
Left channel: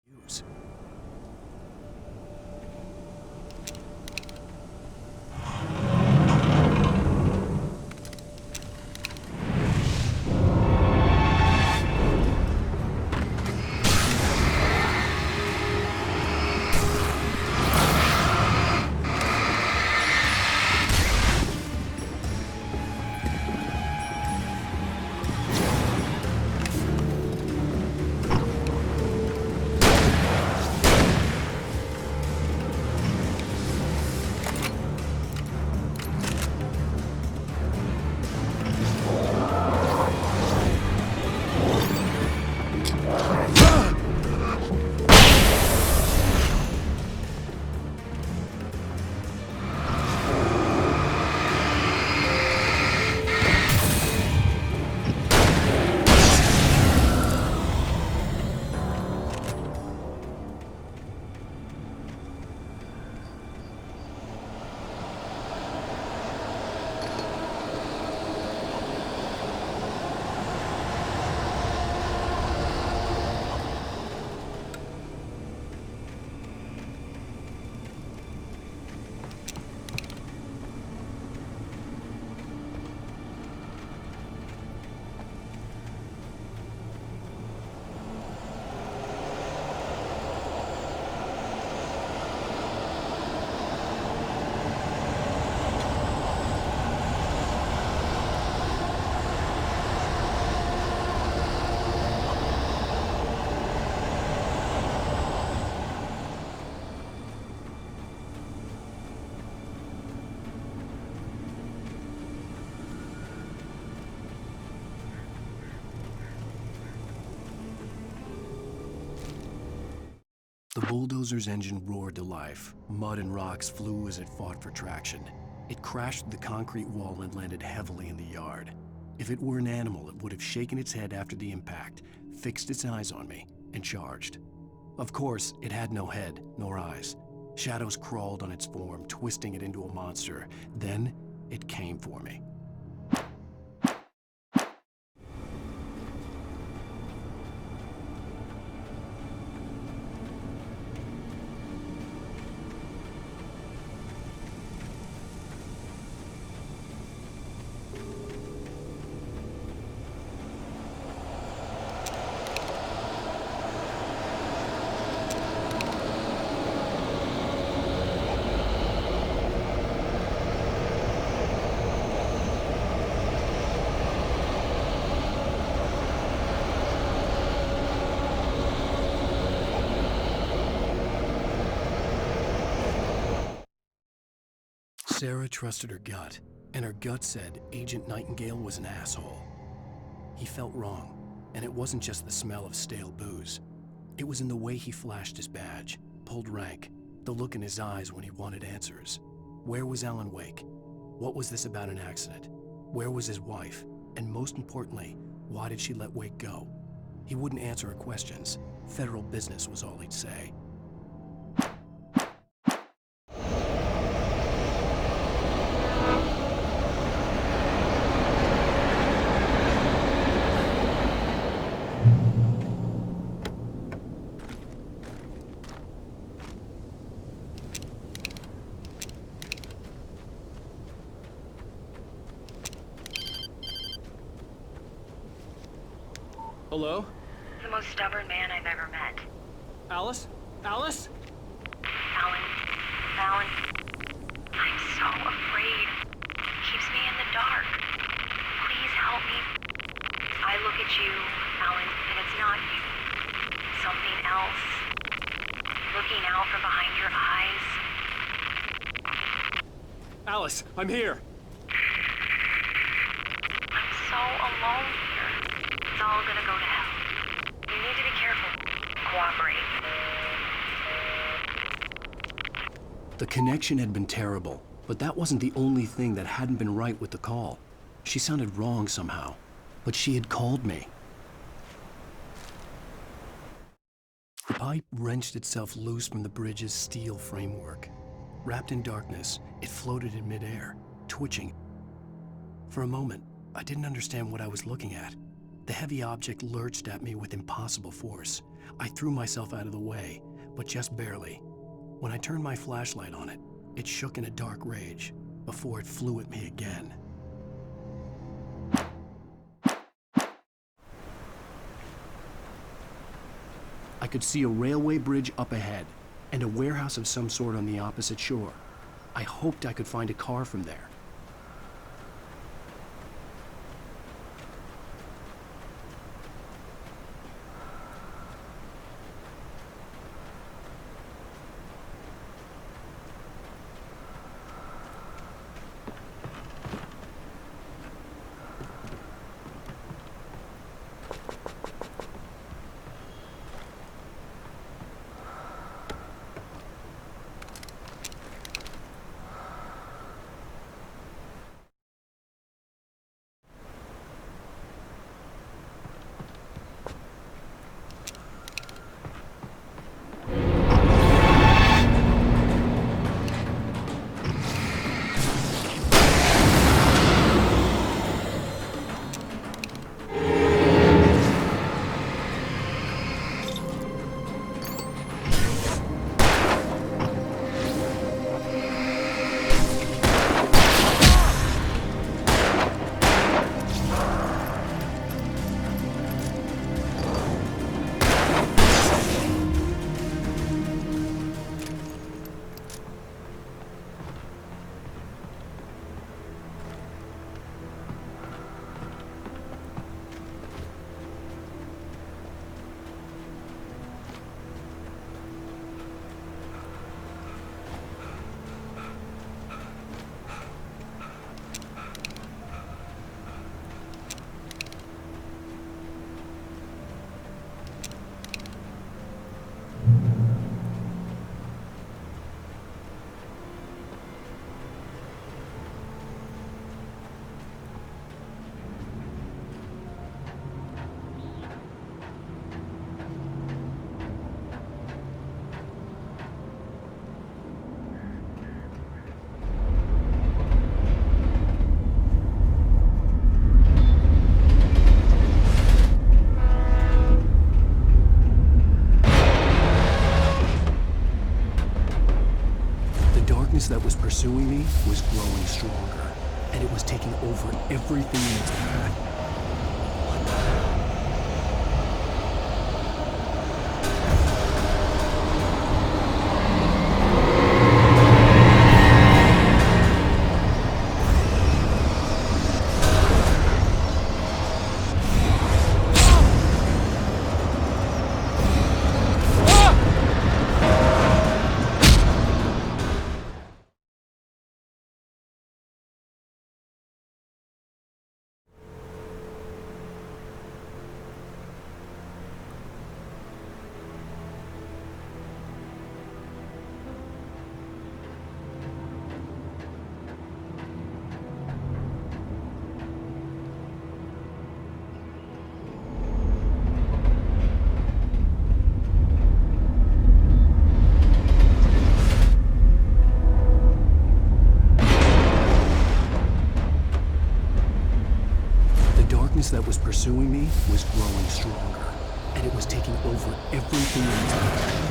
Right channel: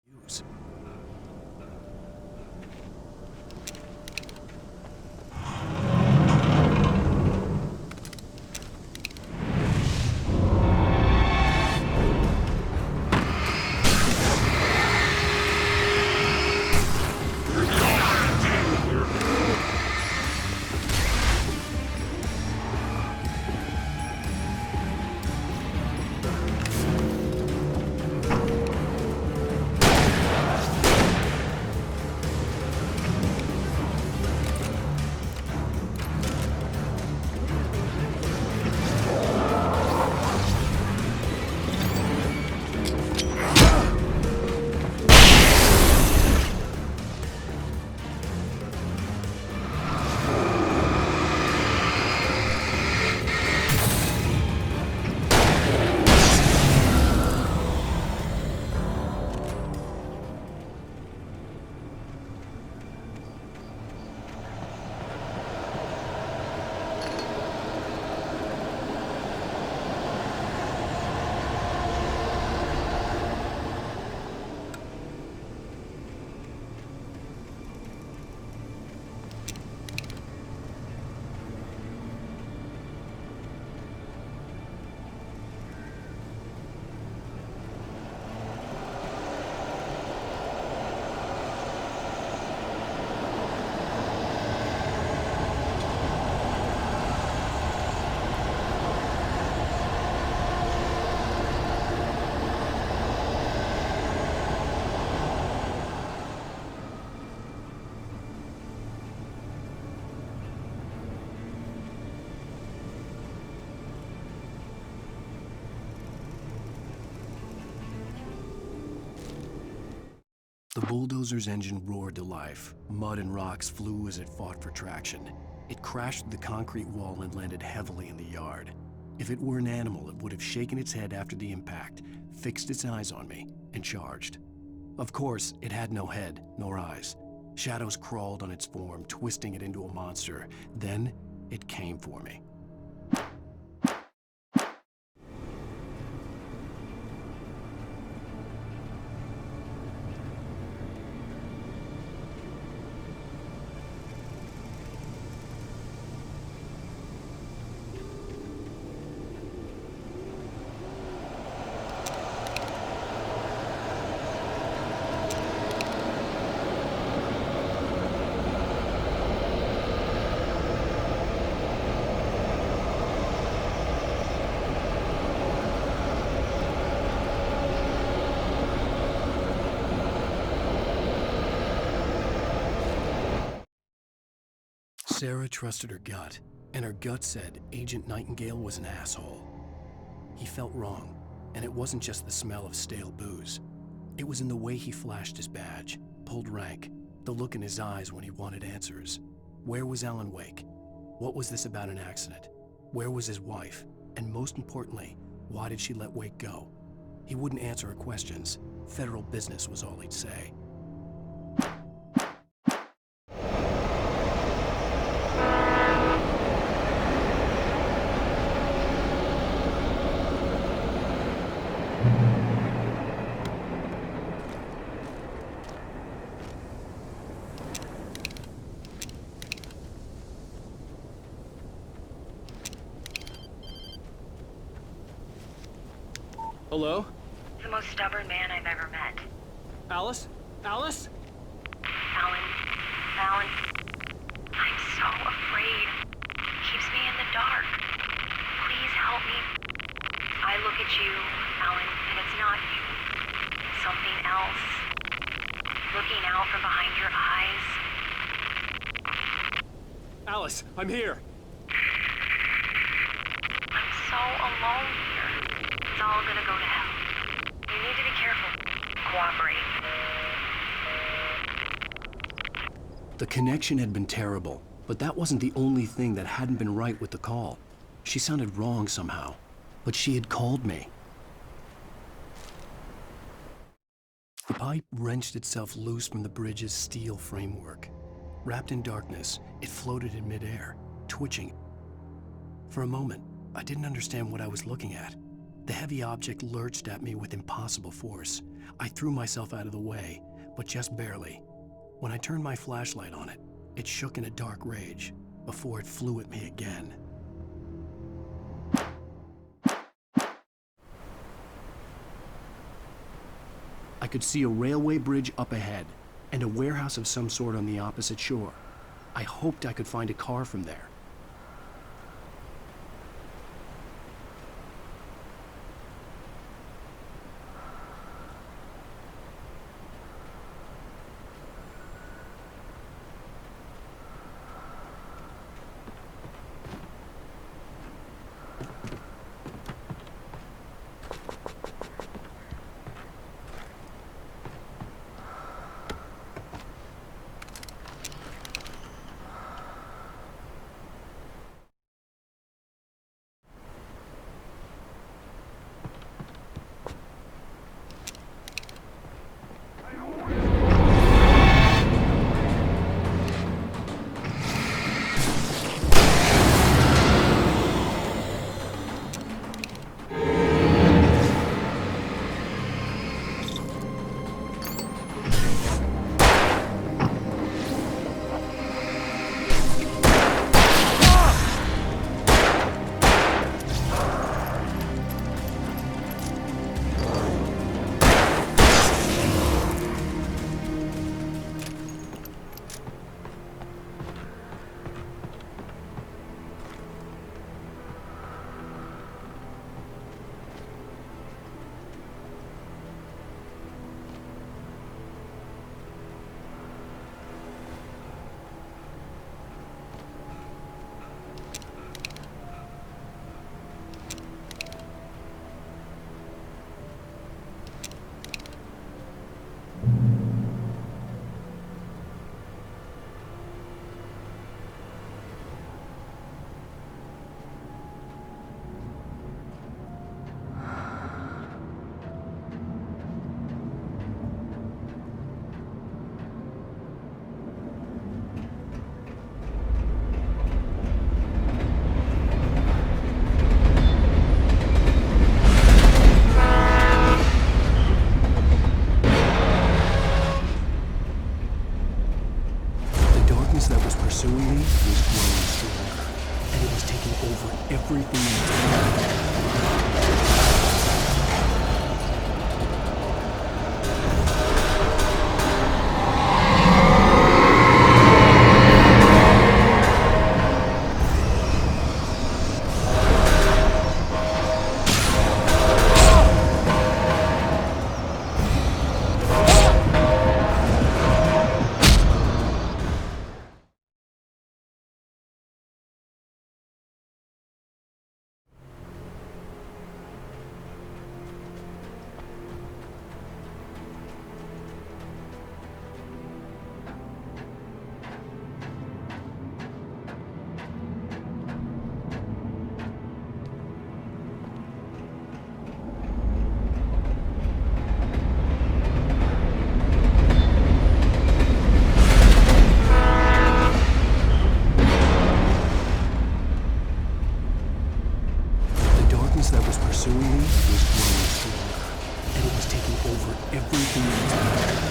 Use. The bulldozer's engine roared to life. Mud and rocks flew as it fought for traction. It crashed through the concrete wall and landed heavily in the yard. If it were an animal, it would have shaken its head after the impact, fixed its eyes on me, and charged. Of course, it had no head, nor eyes. Shadows crawled on its form, twisting it into a monster. Then, it came for me. Sarah trusted her gut, and her gut said Agent Nightingale was an asshole. He felt wrong, and it wasn't just the smell of stale booze. It was in the way he flashed his badge, pulled rank, the look in his eyes when he wanted answers. Where was Alan Wake? What was this about an accident? Where was his wife? And most importantly, why did she let Wake go? He wouldn't answer her questions. Federal business was all he'd say. Hello? the most stubborn man I've ever met. Alice? Alice? Alan, I'm so afraid. He keeps me in the dark. Please help me. I look at you, Alan, and it's not you. Something else. Looking out from behind your eyes. Alice, I'm here. I'm so alone here. It's all gonna go to hell. You need to be careful. Cooperate. The connection had been terrible, but that wasn't the only thing that hadn't been right with the call. She sounded wrong somehow, but she had called me. The pipe wrenched itself loose from the bridge's steel framework. Wrapped in darkness, it floated in midair, twitching. For a moment, I didn't understand what I was looking at. The heavy object lurched at me with impossible force. I threw myself out of the way, but just barely. When I turned my flashlight on it, it shook in a dark rage before it flew at me again. I could see a railway bridge up ahead and a warehouse of some sort on the opposite shore. I hoped I could find a car from there. That was pursuing me was growing stronger, and it was taking over everything in its path. That was pursuing me was growing stronger, and it was taking over everything in its path.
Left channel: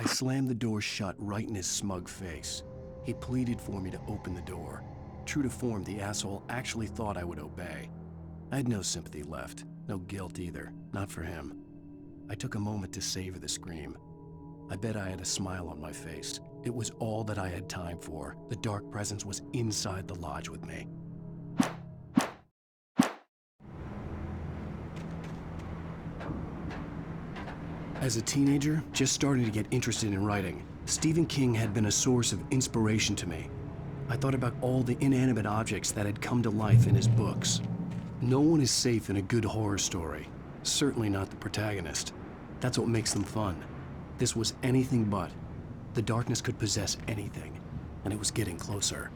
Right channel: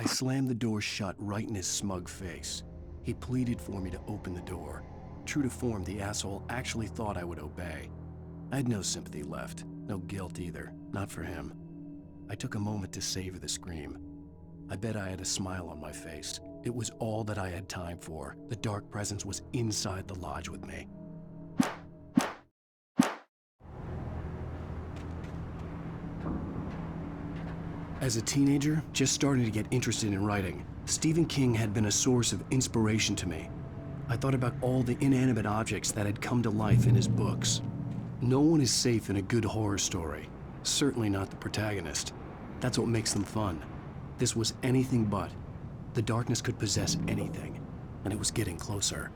I slammed the door shut right in his smug face. He pleaded for me to open the door. True to form, the asshole actually thought I would obey. I had no sympathy left, no guilt either, not for him. I took a moment to savor the scream. I bet I had a smile on my face. It was all that I had time for. The dark presence was inside the lodge with me. As a teenager, just starting to get interested in writing, Stephen King had been a source of inspiration to me. I thought about all the inanimate objects that had come to life in his books. No one is safe in a good horror story. Certainly not the protagonist. That's what makes them fun. This was anything but. The darkness could possess anything, and it was getting closer.